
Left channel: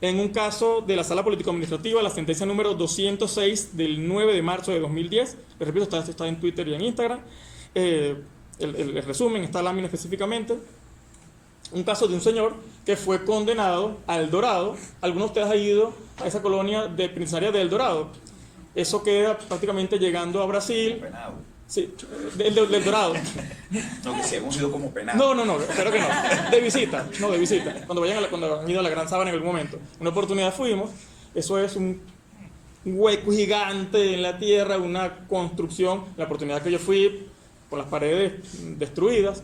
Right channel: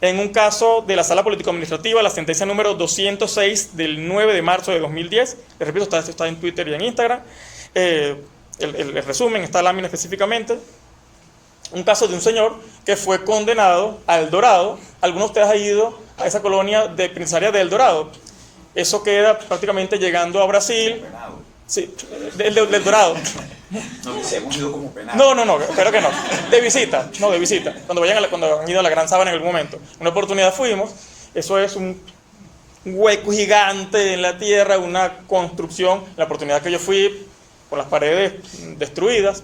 En un caso de la Sala Político-Administrativa, la sentencia número 206 del 9 de marzo de 2010, les repito, esto está en Twitter y en Instagram, el resumen, esta lámina específicamente, un caso de un señor que fue condenado a El Dorado. Algunos de ustedes han ido a esa colonia de penitenciaria de El Dorado. Eso queda prácticamente llegando a Brasil. Penado. Sí, del Dorado. No, hemos ido como penado. No, espero que no. De visita, Cuando cuando han ido a la Gran Sabana en algún momento. Una oportunidad fuimos. Eso es un hueco gigante en la tierra, una construcción. La oportunidad que yo fui, con las paredes destruidas,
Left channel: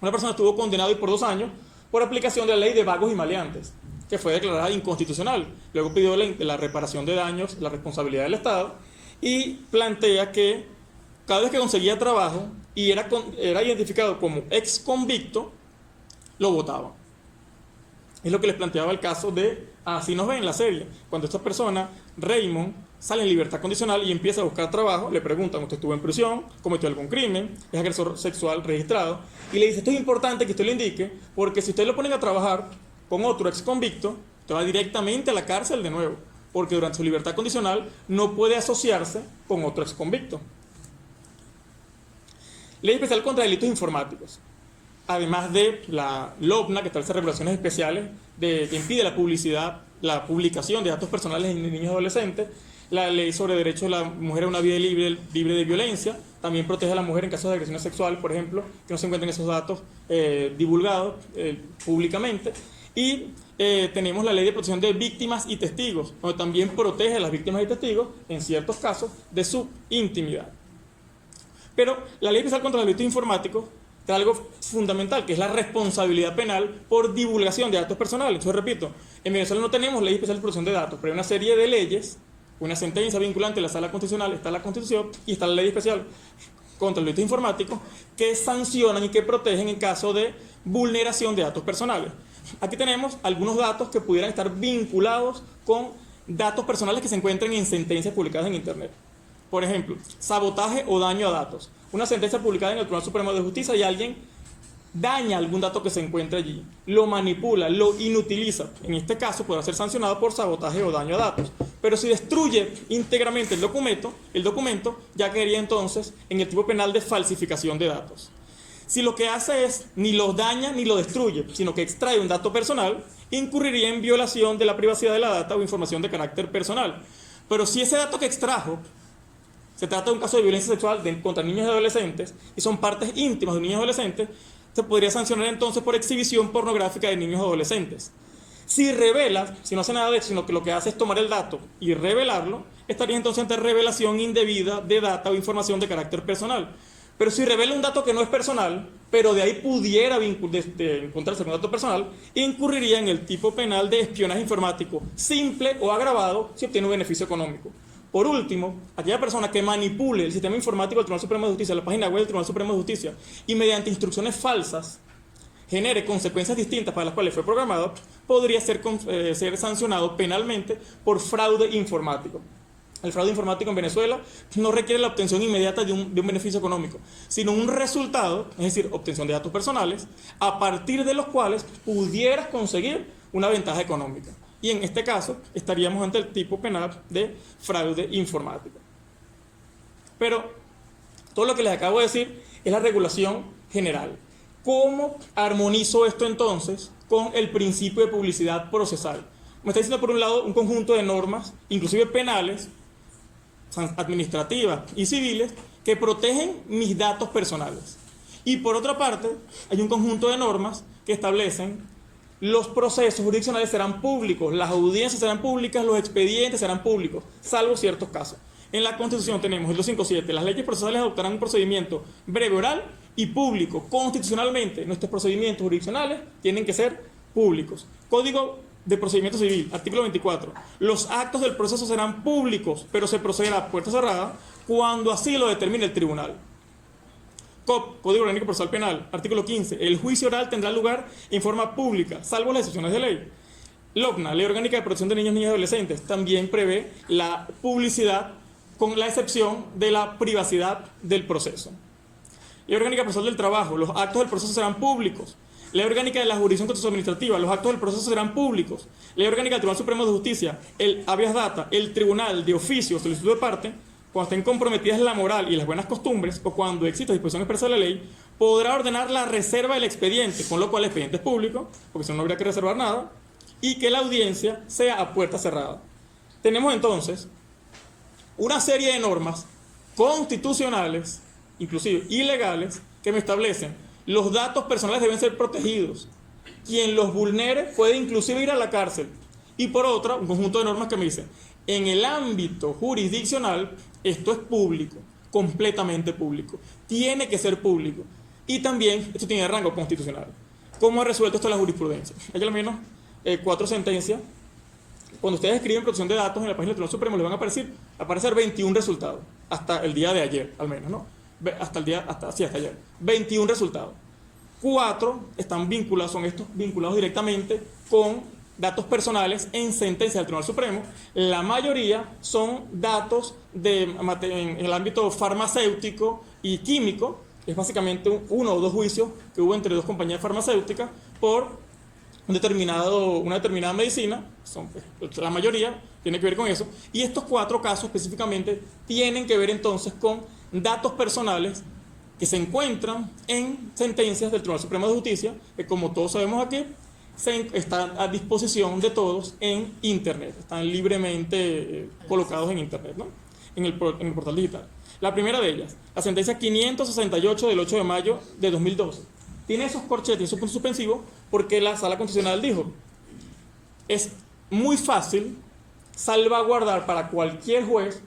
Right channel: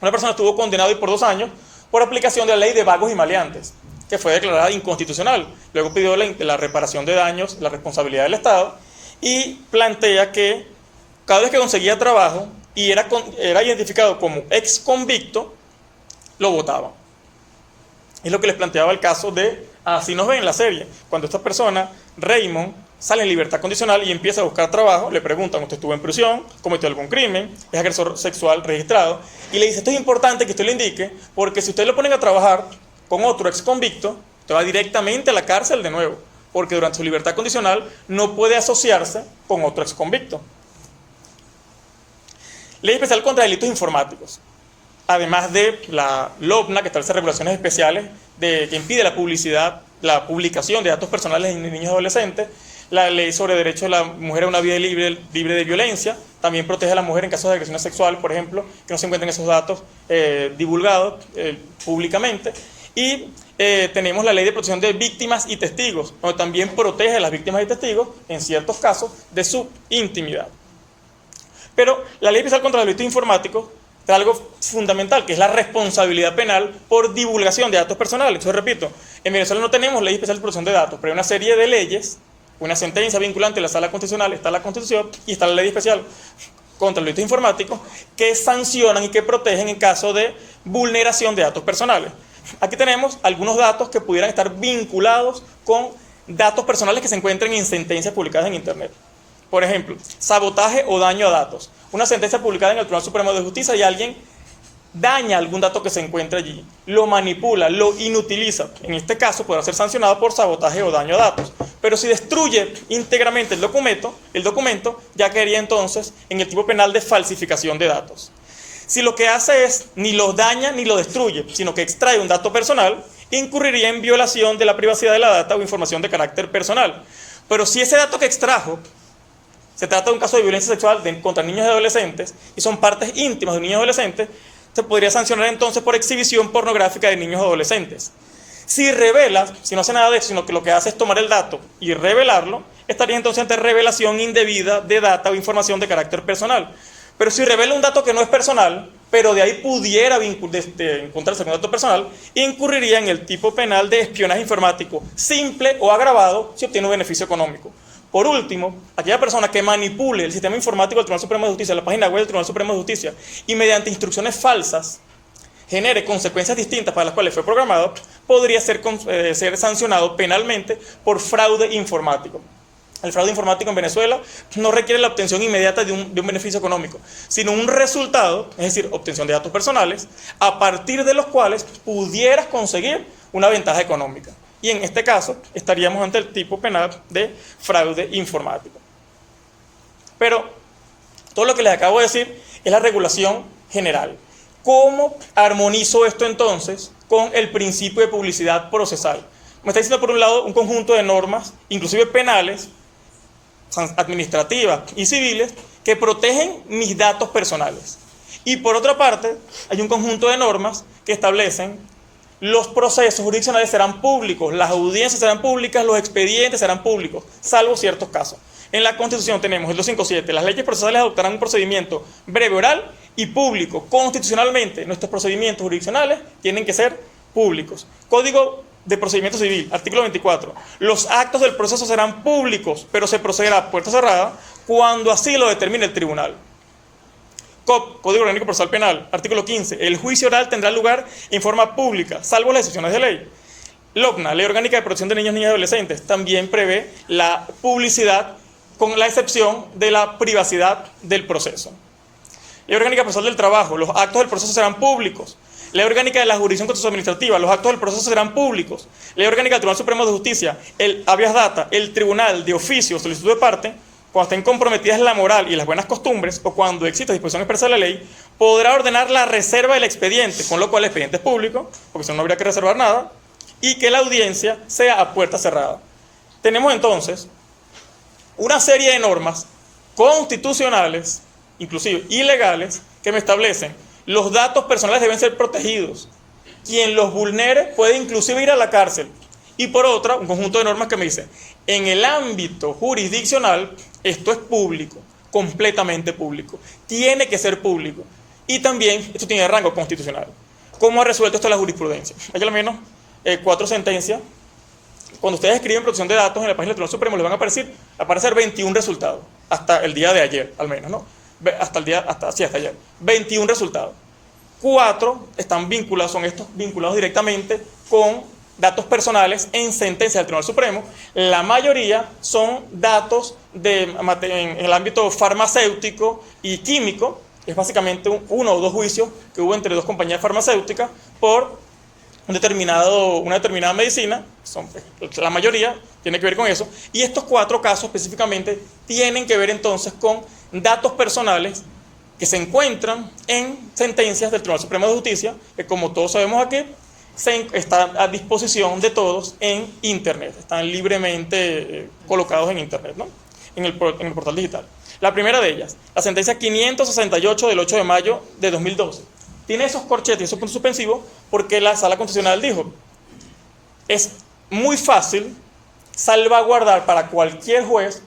una persona estuvo condenada por 2 años por aplicación de la ley de vagos y maleantes, que fue declarada inconstitucional. Luego pidió la reparación de daños, la responsabilidad del Estado, y plantea que cada vez que conseguía trabajo y era identificado como ex convicto, lo votaban. Es lo que les planteaba el caso de, así nos ven en la serie, cuando esta persona, Raymond, sale en libertad condicional y empieza a buscar trabajo, le preguntan: ¿usted estuvo en prisión? ¿Cometió algún crimen? ¿Es agresor sexual registrado? Y le dice: esto es importante que usted lo indique, porque si usted lo ponen a trabajar con otro ex convicto, usted va directamente a la cárcel de nuevo, porque durante su libertad condicional no puede asociarse con otro ex convicto. Ley especial contra delitos informáticos. Además de la LOPNA, que establece regulaciones especiales que impide la publicación de datos personales de niños y adolescentes. La ley sobre derecho de la mujer a una vida libre de violencia también protege a la mujer en casos de agresión sexual, por ejemplo, que no se encuentren esos datos divulgados públicamente. Y tenemos la ley de protección de víctimas y testigos, donde también protege a las víctimas y testigos, en ciertos casos, de su intimidad. Pero la ley especial contra los delitos informáticos trae algo fundamental, que es la responsabilidad penal por divulgación de datos personales. Yo repito, en Venezuela no tenemos ley especial de protección de datos, pero hay una serie de leyes, una sentencia vinculante de la Sala Constitucional, está la Constitución y está la ley especial contra los delitos informáticos, que sancionan y que protegen en caso de vulneración de datos personales. Aquí tenemos algunos datos que pudieran estar vinculados con datos personales que se encuentren en sentencias publicadas en Internet. Por ejemplo, sabotaje o daño a datos. Una sentencia publicada en el Tribunal Supremo de Justicia y alguien daña algún dato que se encuentra allí, lo manipula, lo inutiliza. En este caso podrá ser sancionado por sabotaje o daño a datos. Pero si destruye íntegramente el documento ya caería entonces en el tipo penal de falsificación de datos. Si lo que hace es ni lo daña ni lo destruye, sino que extrae un dato personal, incurriría en violación de la privacidad de la data o información de carácter personal. Pero si ese dato que extrajo se trata de un caso de violencia sexual contra niños y adolescentes y son partes íntimas de niños y adolescentes, se podría sancionar entonces por exhibición pornográfica de niños y adolescentes. Si revela, si no hace nada de eso, sino que lo que hace es tomar el dato y revelarlo, estaría entonces ante revelación indebida de data o información de carácter personal. Pero si revela un dato que no es personal, pero de ahí pudiera encontrarse con un dato personal, incurriría en el tipo penal de espionaje informático simple o agravado si obtiene un beneficio económico. Por último, aquella persona que manipule el sistema informático del Tribunal Supremo de Justicia, la página web del Tribunal Supremo de Justicia, y mediante instrucciones falsas genere consecuencias distintas para las cuales fue programado, podría ser sancionado penalmente por fraude informático. El fraude informático en Venezuela no requiere la obtención inmediata de un beneficio económico, sino un resultado, es decir, obtención de datos personales, a partir de los cuales pudieras conseguir una ventaja económica. Y en este caso estaríamos ante el tipo penal de fraude informático. Pero todo lo que les acabo de decir es la regulación general. ¿Cómo armonizo esto entonces con el principio de publicidad procesal? Me está diciendo por un lado un conjunto de normas, inclusive penales, administrativas y civiles, que protegen mis datos personales. Y por otra parte, hay un conjunto de normas que establecen los procesos jurisdiccionales serán públicos, las audiencias serán públicas, los expedientes serán públicos, salvo ciertos casos. En la Constitución tenemos el 257, las leyes procesales adoptarán un procedimiento breve, oral y público. Constitucionalmente, nuestros procedimientos jurisdiccionales tienen que ser públicos. Código de Procedimiento Civil, artículo 24. Los actos del proceso serán públicos, pero se procederá a puerta cerrada cuando así lo determine el tribunal. Código Orgánico Procesal Penal, artículo 15. El juicio oral tendrá lugar en forma pública, salvo las excepciones de ley. LOPNA, Ley Orgánica de Protección de Niños, Niñas y Adolescentes, también prevé la publicidad con la excepción de la privacidad del proceso. Ley Orgánica Procesal del Trabajo, los actos del proceso serán públicos. Ley Orgánica de la Jurisdicción Contencioso Administrativa, los actos del proceso serán públicos. Ley Orgánica del Tribunal Supremo de Justicia, el habeas data, el tribunal de oficio o solicitud de parte, cuando estén comprometidas la moral y las buenas costumbres, o cuando exista disposición expresa de la ley, podrá ordenar la reserva del expediente, con lo cual el expediente es público, porque si no, no habría que reservar nada, y que la audiencia sea a puerta cerrada. Tenemos entonces una serie de normas constitucionales, inclusive ilegales, que me establecen los datos personales deben ser protegidos. Quien los vulnere puede inclusive ir a la cárcel. Y por otra, un conjunto de normas que me dicen, en el ámbito jurisdiccional, esto es público, completamente público. Tiene que ser público. Y también, esto tiene rango constitucional. ¿Cómo ha resuelto esto la jurisprudencia? Hay al menos 4 sentencias. Cuando ustedes escriben protección de datos en la página del Tribunal Supremo, les van a aparecer 21 resultados. Hasta el día de ayer, al menos, ¿no? Hasta ayer. 21 resultados. 4 están vinculados, son estos vinculados directamente con datos personales en sentencia del Tribunal Supremo. La mayoría son datos en el ámbito farmacéutico y químico. Es básicamente uno o dos juicios que hubo entre dos compañías farmacéuticas por una determinada medicina. La mayoría tiene que ver con eso. Y estos 4 casos específicamente tienen que ver entonces con datos personales que se encuentran en sentencias del Tribunal Supremo de Justicia, que como todos sabemos aquí, están a disposición de todos en Internet, están libremente colocados en Internet, ¿no? en el portal digital. La primera de ellas, la sentencia 568 del 8 de mayo de 2012, tiene esos corchetes y esos puntos suspensivos porque la Sala Constitucional dijo, es muy fácil salvaguardar para cualquier juez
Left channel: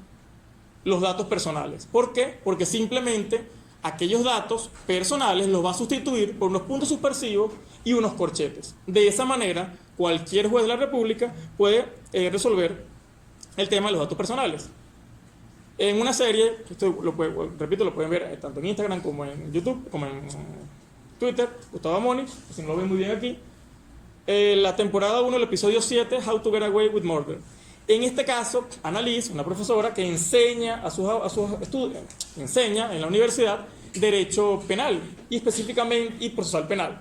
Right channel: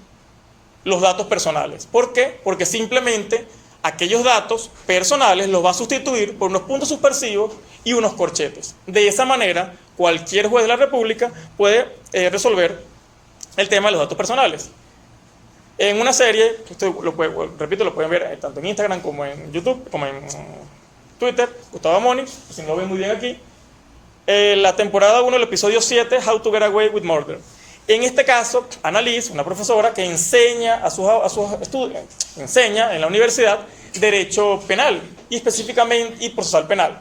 los datos personales. ¿Por qué? Porque simplemente aquellos datos personales los va a sustituir por unos puntos suspensivos y unos corchetes. De esa manera, cualquier juez de la República puede resolver el tema de los datos personales. En una serie, esto lo pueden ver tanto en Instagram como en YouTube, como en Twitter, Gustavo Amoni, si no lo ven muy bien aquí, la temporada 1, el episodio 7, How to Get Away with Murder. En este caso, Annalise, una profesora que enseña a sus estudiantes, enseña en la universidad Derecho Penal y específicamente y Procesal Penal.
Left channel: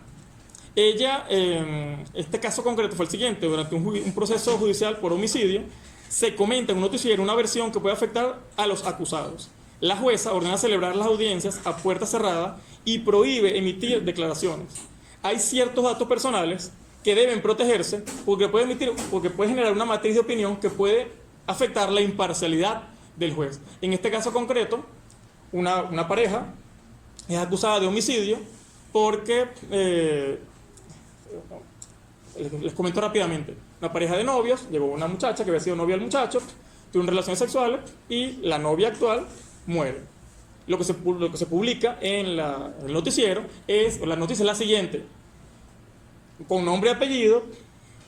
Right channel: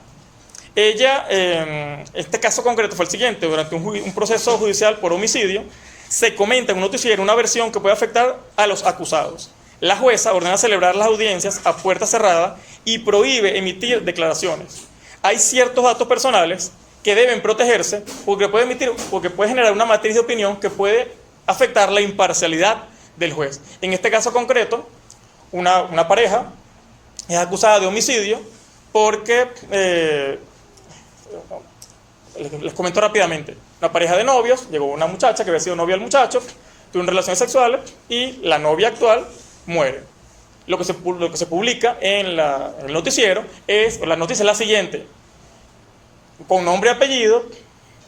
Ella, este caso concreto fue el siguiente: durante un proceso judicial por homicidio, se comenta en un noticiero una versión que puede afectar a los acusados. La jueza ordena celebrar las audiencias a puerta cerrada y prohíbe emitir declaraciones. Hay ciertos datos personales que deben protegerse porque puede generar una matriz de opinión que puede afectar la imparcialidad del juez. En este caso concreto, una pareja es acusada de homicidio porque, les comento rápidamente, una pareja de novios, llegó una muchacha que había sido novia del muchacho, tuvieron relaciones sexuales y la novia actual muere. Lo que se publica en el noticiero la noticia es la siguiente: con nombre y apellido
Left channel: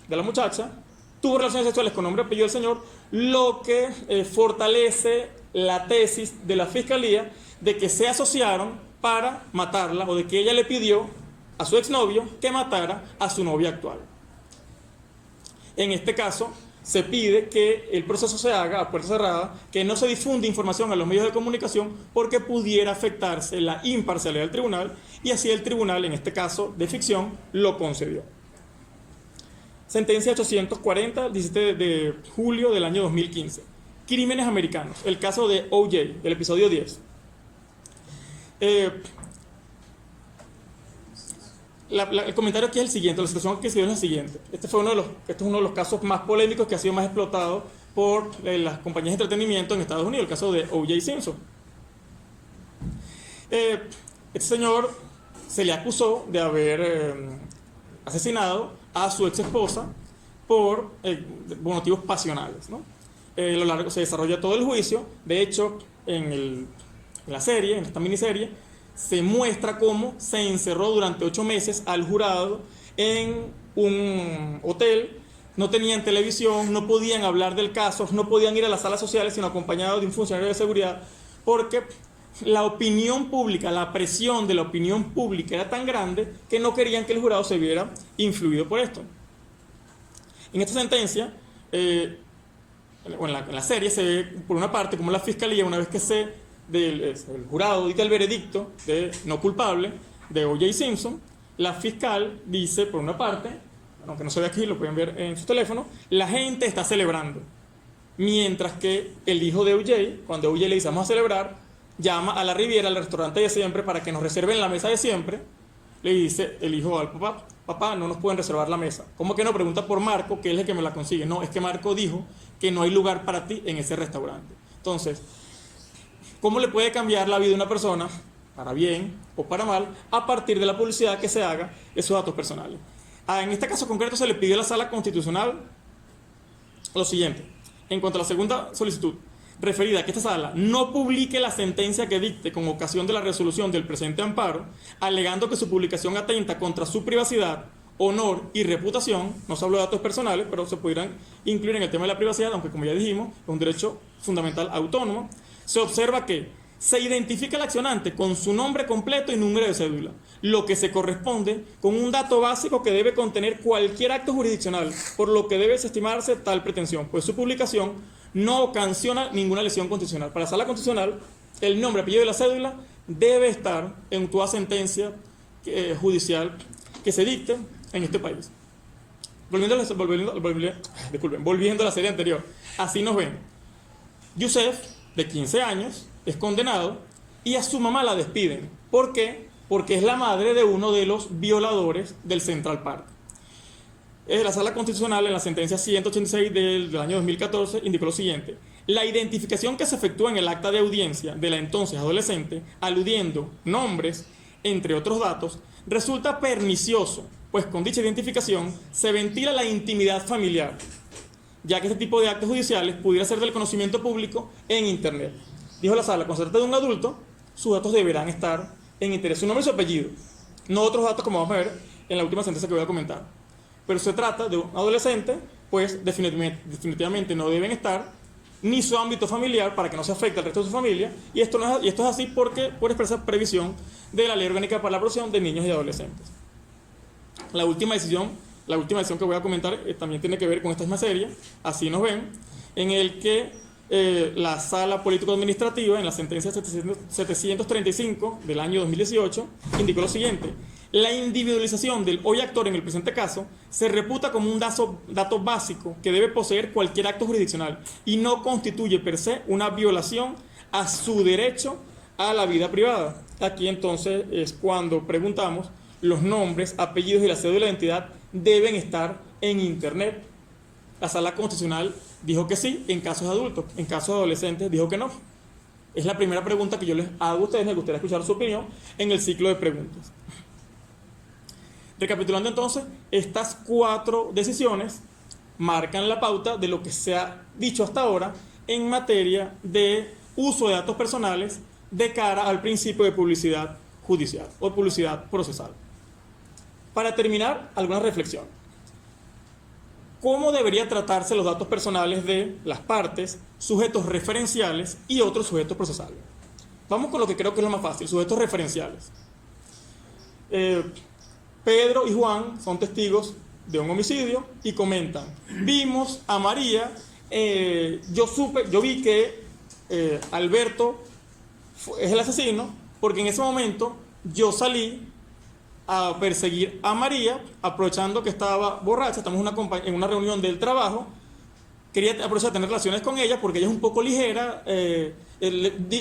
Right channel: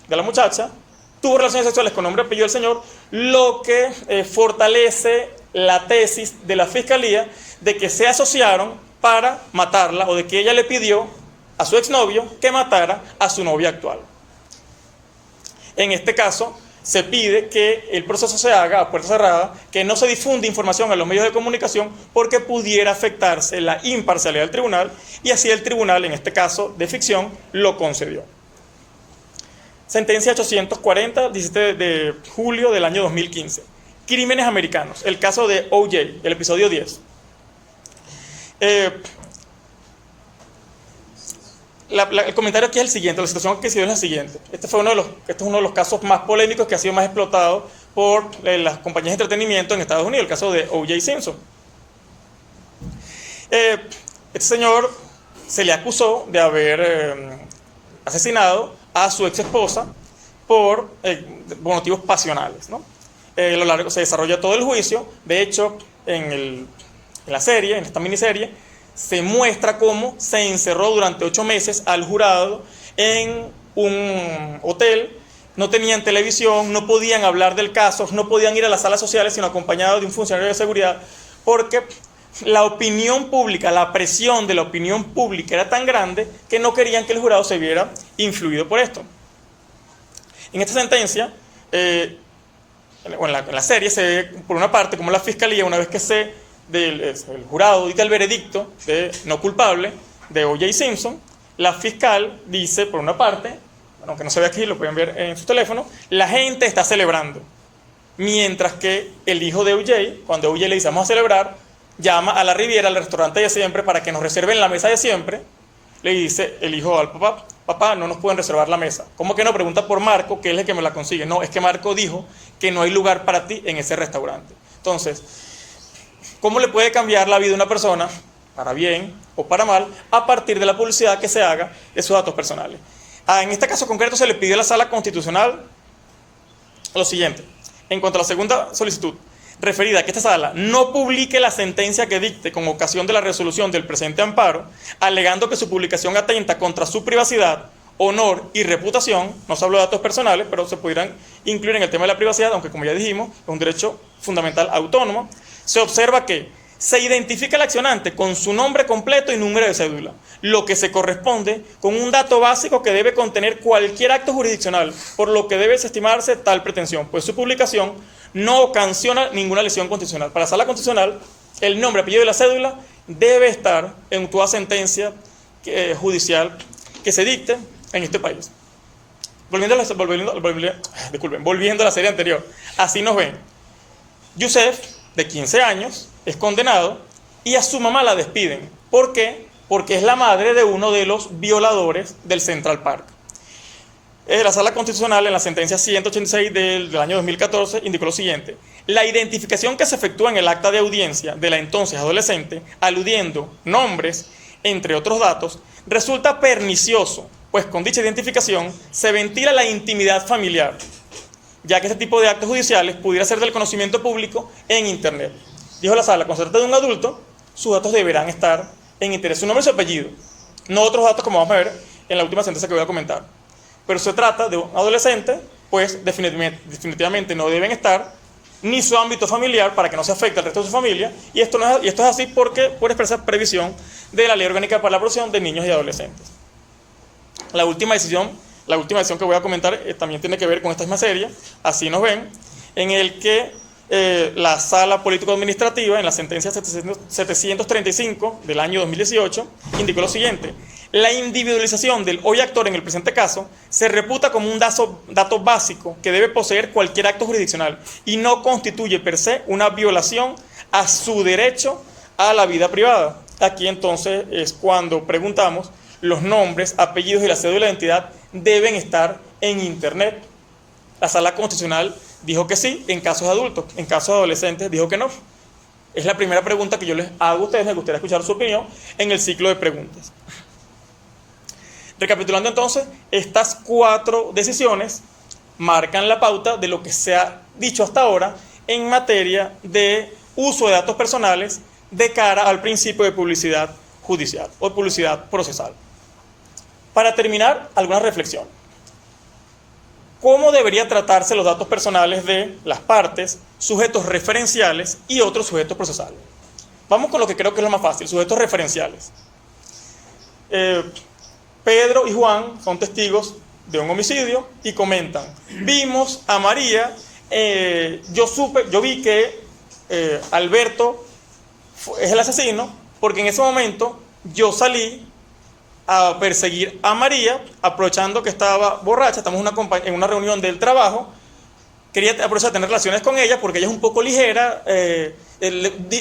de la muchacha, tuvo relaciones sexuales con nombre y apellido del señor, lo que fortalece la tesis de la fiscalía de que se asociaron para matarla, o de que ella le pidió a su exnovio que matara a su novia actual. En este caso, se pide que el proceso se haga a puerta cerrada, que no se difunda información en los medios de comunicación porque pudiera afectarse la imparcialidad del tribunal, y así el tribunal, en este caso de ficción, lo concedió. Sentencia 840, 17 de julio del año 2015. Crímenes americanos. El caso de O.J., el episodio 10. El comentario aquí es el siguiente, la situación que se dio es la siguiente. Este es uno de los casos más polémicos que ha sido más explotado por las compañías de entretenimiento en Estados Unidos, el caso de O.J. Simpson. Este señor se le acusó de haber asesinado a su ex esposa por motivos pasionales, ¿no? A lo largo se desarrolla todo el juicio. De hecho, en la serie, en esta miniserie, se muestra cómo se encerró durante 8 meses al jurado en un hotel. No tenían televisión, no podían hablar del caso, no podían ir a las salas sociales sino acompañados de un funcionario de seguridad, porque la opinión pública, la presión de la opinión pública era tan grande que no querían que el jurado se viera influido por esto. En esta sentencia, en la serie, se ve por una parte como la fiscalía, una vez que el jurado dicta el veredicto de no culpable de O.J. Simpson, la fiscal dice, por una parte, aunque no se ve aquí, lo pueden ver en su teléfono, la gente está celebrando. Mientras que el hijo de O.J., cuando O.J. le dice vamos a celebrar, llama a la Riviera, al restaurante de siempre, para que nos reserven la mesa de siempre. Le dice el hijo al papá, papá, no nos pueden reservar la mesa. ¿Cómo que no? Pregunta por Marco, que es el que me la consigue. No, es que Marco dijo que no hay lugar para ti en ese restaurante. Entonces, ¿cómo le puede cambiar la vida a una persona, para bien o para mal, a partir de la publicidad que se haga de sus datos personales? En este caso concreto se le pidió a la Sala Constitucional lo siguiente. En cuanto a la segunda solicitud, referida a que esta sala no publique la sentencia que dicte con ocasión de la resolución del presente amparo, alegando que su publicación atenta contra su privacidad, honor y reputación. No se habló de datos personales, pero se pudieran incluir en el tema de la privacidad, aunque como ya dijimos, es un derecho fundamental autónomo. Se observa que se identifica al accionante con su nombre completo y número de cédula, lo que se corresponde con un dato básico que debe contener cualquier acto jurisdiccional, por lo que debe desestimarse tal pretensión, pues su publicación no ocasiona ninguna lesión constitucional. Para la Sala Constitucional, el nombre, apellido y la cédula debe estar en toda sentencia judicial que se dicte en este país. Volviendo a la serie anterior, así nos ven. Yusef, de 15 años, es condenado y a su mamá la despiden. ¿Por qué? Porque es la madre de uno de los violadores del Central Park. La Sala Constitucional, en la sentencia 186 del año 2014, indicó lo siguiente: la identificación que se efectúa en el acta de audiencia de la entonces adolescente, aludiendo nombres, entre otros datos, resulta pernicioso, pues con dicha identificación se ventila la intimidad familiar, ya que este tipo de actos judiciales pudiera ser del conocimiento público en Internet. Dijo la Sala, cuando se trata de un adulto, sus datos deberán estar en Internet, su nombre y su apellido, no otros datos como vamos a ver en la última sentencia que voy a comentar. Pero se trata de un adolescente, pues definitivamente no deben estar ni su ámbito familiar para que no se afecte al resto de su familia, y esto es así porque por expresa previsión de la Ley Orgánica para la Protección de Niños y Adolescentes. La última decisión que voy a comentar también tiene que ver con esta misma serie, así nos ven, en el que la Sala Político-Administrativa, en la sentencia 735 del año 2018, indicó lo siguiente: la individualización del hoy actor en el presente caso se reputa como un dato básico que debe poseer cualquier acto jurisdiccional y no constituye per se una violación a su derecho a la vida privada. Aquí entonces es cuando preguntamos: los nombres, apellidos y la cédula de identidad deben estar en Internet. La Sala Constitucional dijo que sí en casos de adultos, en casos de adolescentes dijo que no. Es la primera pregunta que yo les hago a ustedes, me gustaría escuchar su opinión en el ciclo de preguntas. Recapitulando entonces, estas 4 decisiones marcan la pauta de lo que se ha dicho hasta ahora en materia de uso de datos personales de cara al principio de publicidad judicial o publicidad procesal. Para terminar, alguna reflexión. cómo debería tratarse los datos personales de las partes, sujetos referenciales y otros sujetos procesales. Vamos con lo que creo que es lo más fácil, sujetos referenciales. Pedro y Juan son testigos de un homicidio y comentan: vimos a María, yo vi que Alberto es el asesino, porque en ese momento yo salí a perseguir a María, aprovechando que estaba borracha, estamos en una reunión del trabajo, quería aprovechar de tener relaciones con ella porque ella es un poco ligera,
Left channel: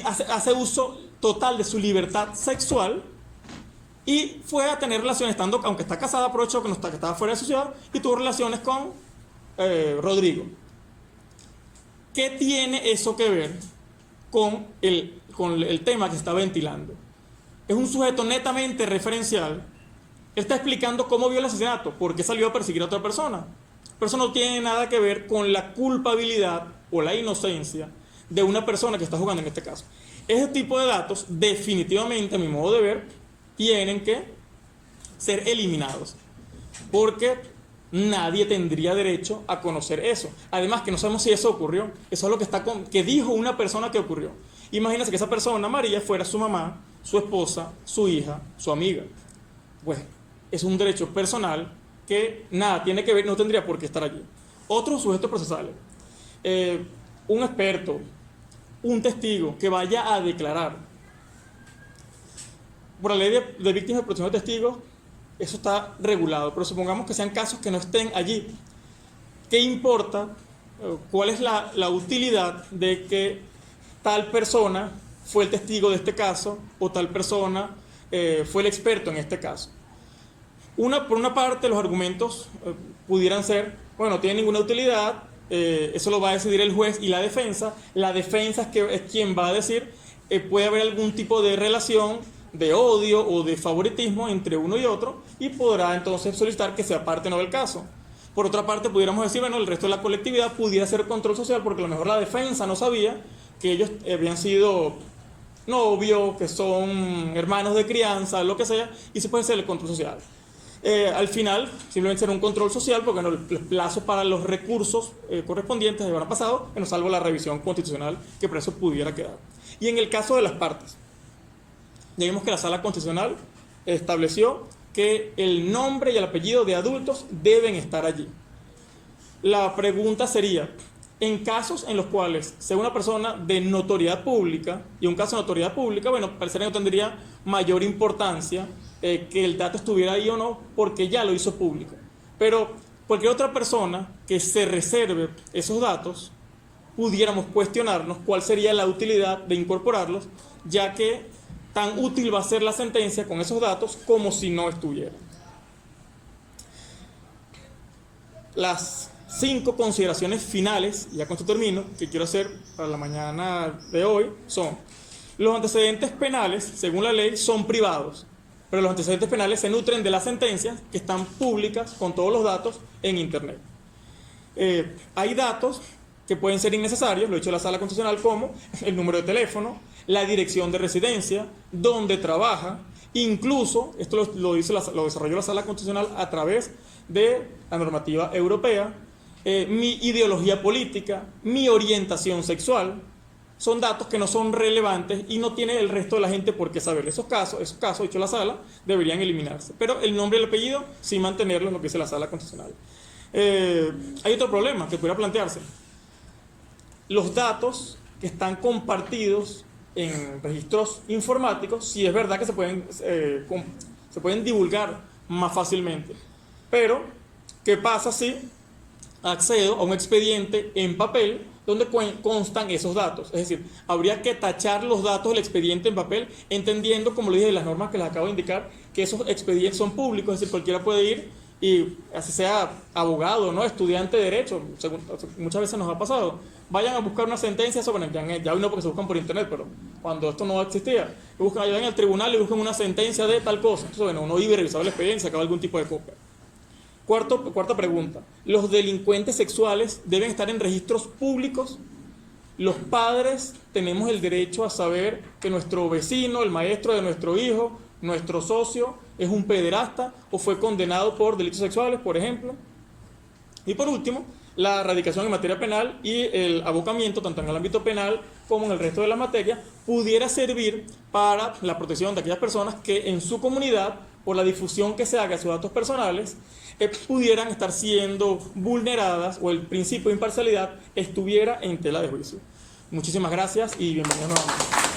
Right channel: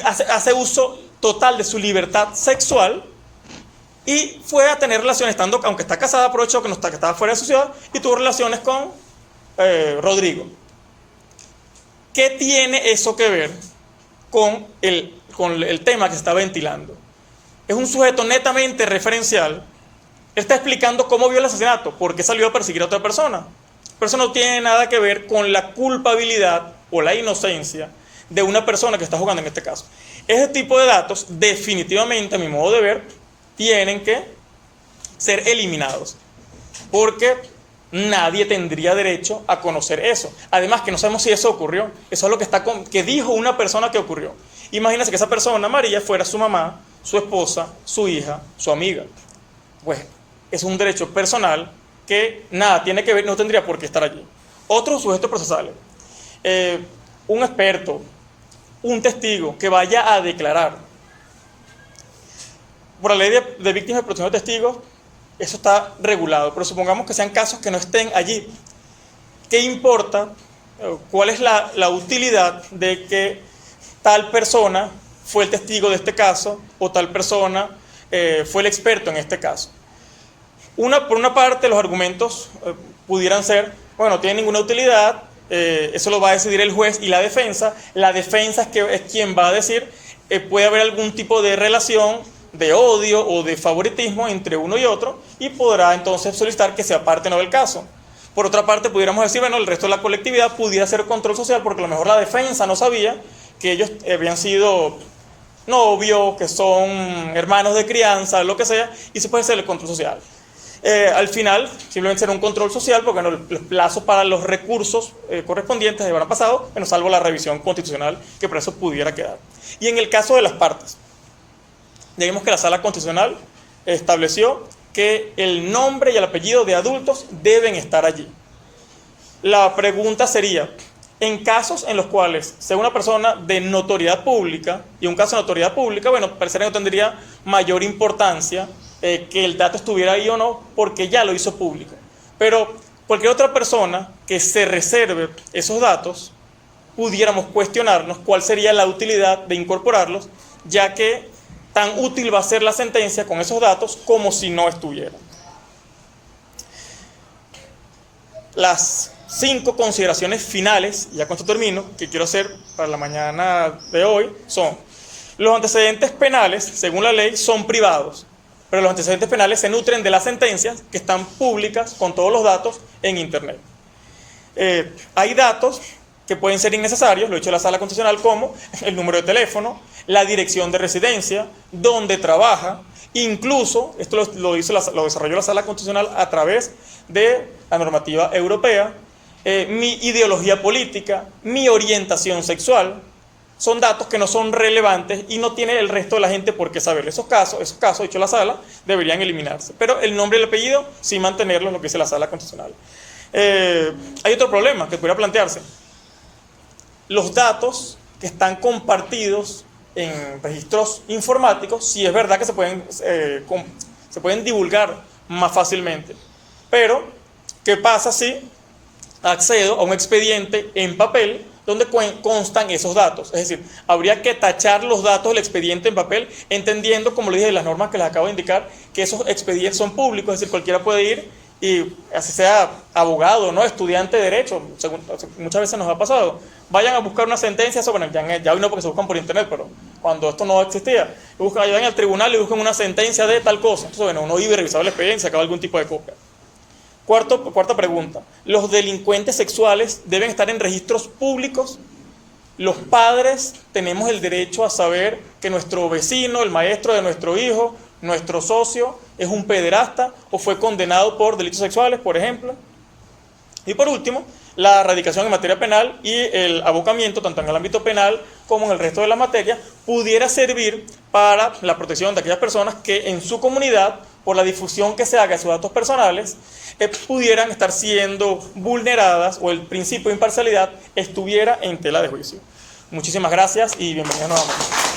hace uso total de su libertad sexual, y fue a tener relaciones, aunque está casada, aprovechó que estaba fuera de su ciudad y tuvo relaciones con Rodrigo. ¿Qué tiene eso que ver con el tema que se está ventilando? Es un sujeto netamente referencial. Él está explicando cómo vio el asesinato, por qué salió a perseguir a otra persona. Pero eso no tiene nada que ver con la culpabilidad o la inocencia de una persona que está jugando en este caso. Ese tipo de datos, definitivamente, a mi modo de ver, tienen que ser eliminados, porque nadie tendría derecho a conocer eso. Además, que no sabemos si eso ocurrió. Eso es lo que dijo una persona que ocurrió. Imagínense que esa persona, María, fuera su mamá, su esposa, su hija, su amiga. Pues es un derecho personal que nada tiene que ver, no tendría por qué estar allí. Otros sujetos procesales. Un experto, un testigo que vaya a declarar. Por la ley de víctimas de protección de testigos, eso está regulado, pero supongamos que sean casos que no estén allí. ¿Qué importa? ¿Cuál es la utilidad de que tal persona fue el testigo de este caso o tal persona fue el experto en este caso? Por una parte, los argumentos pudieran ser, bueno, no tiene ninguna utilidad, eso lo va a decidir el juez y la defensa. La defensa es quien va a decir, puede haber algún tipo de relación de odio o de favoritismo entre uno y otro, y podrá entonces solicitar que se aparte no del caso. Por otra parte, pudiéramos decir, bueno, el resto de la colectividad pudiera hacer control social, porque a lo mejor la defensa no sabía que ellos habían sido novios, que son hermanos de crianza, lo que sea, y se puede hacer el control social. Al final, simplemente será un control social, porque los plazos para los recursos correspondientes habrán pasado, salvo la revisión constitucional, que por eso pudiera quedar. Y en el caso de las partes, ya vimos que la Sala Constitucional estableció que el nombre y el apellido de adultos deben estar allí. La pregunta sería, en casos en los cuales sea una persona de notoriedad pública, y un caso de notoriedad pública, bueno, parecería que no tendría mayor importancia que el dato estuviera ahí o no, porque ya lo hizo público. Pero cualquier otra persona que se reserve esos datos, pudiéramos cuestionarnos cuál sería la utilidad de incorporarlos, ya que tan útil va a ser la sentencia con esos datos como si no estuvieran. Las 5 consideraciones finales, ya con esto termino, que quiero hacer para la mañana de hoy, son: los antecedentes penales, según la ley, son privados, pero los antecedentes penales se nutren de las sentencias que están públicas con todos los datos en Internet. Hay datos que pueden ser innecesarios, lo ha dicho la Sala Constitucional, como el número de teléfono, la dirección de residencia, dónde trabaja, incluso, esto lo desarrolló la Sala Constitucional a través de la normativa europea, mi ideología política, mi orientación sexual. Son datos que no son relevantes y no tiene el resto de la gente por qué saber. Esos casos, ha dicho la Sala, deberían eliminarse. Pero el nombre y el apellido, sí mantenerlo, lo que dice la Sala Constitucional. Hay otro problema que pudiera plantearse. Los datos que están compartidos en registros informáticos, sí es verdad que se pueden divulgar más fácilmente. Pero, ¿qué pasa si accedo a un expediente en papel donde constan esos datos? Es decir, habría que tachar los datos del expediente en papel, entendiendo, como le dije, las normas que les acabo de indicar, que esos expedientes son públicos, es decir, cualquiera puede ir, y así sea abogado, ¿no?, estudiante de derecho, muchas veces nos ha pasado, vayan a buscar una sentencia sobre, ya hoy no porque se buscan por internet, pero cuando esto no existía, vayan al tribunal y buscan una sentencia de tal cosa. Entonces, bueno, uno iba y revisaba la expediente y sacaba algún tipo de copia. Cuarta pregunta: ¿los delincuentes sexuales deben estar en registros públicos? Los padres tenemos el derecho a saber que nuestro vecino, el maestro de nuestro hijo, nuestro socio, es un pederasta o fue condenado por delitos sexuales, por ejemplo. Y por último, la erradicación en materia penal y el abocamiento, tanto en el ámbito penal como en el resto de las materias, pudiera servir para la protección de aquellas personas que en su comunidad, por la difusión que se haga de sus datos personales, pudieran estar siendo vulneradas o el principio de imparcialidad estuviera en tela de juicio. Muchísimas gracias y bienvenidos nuevamente.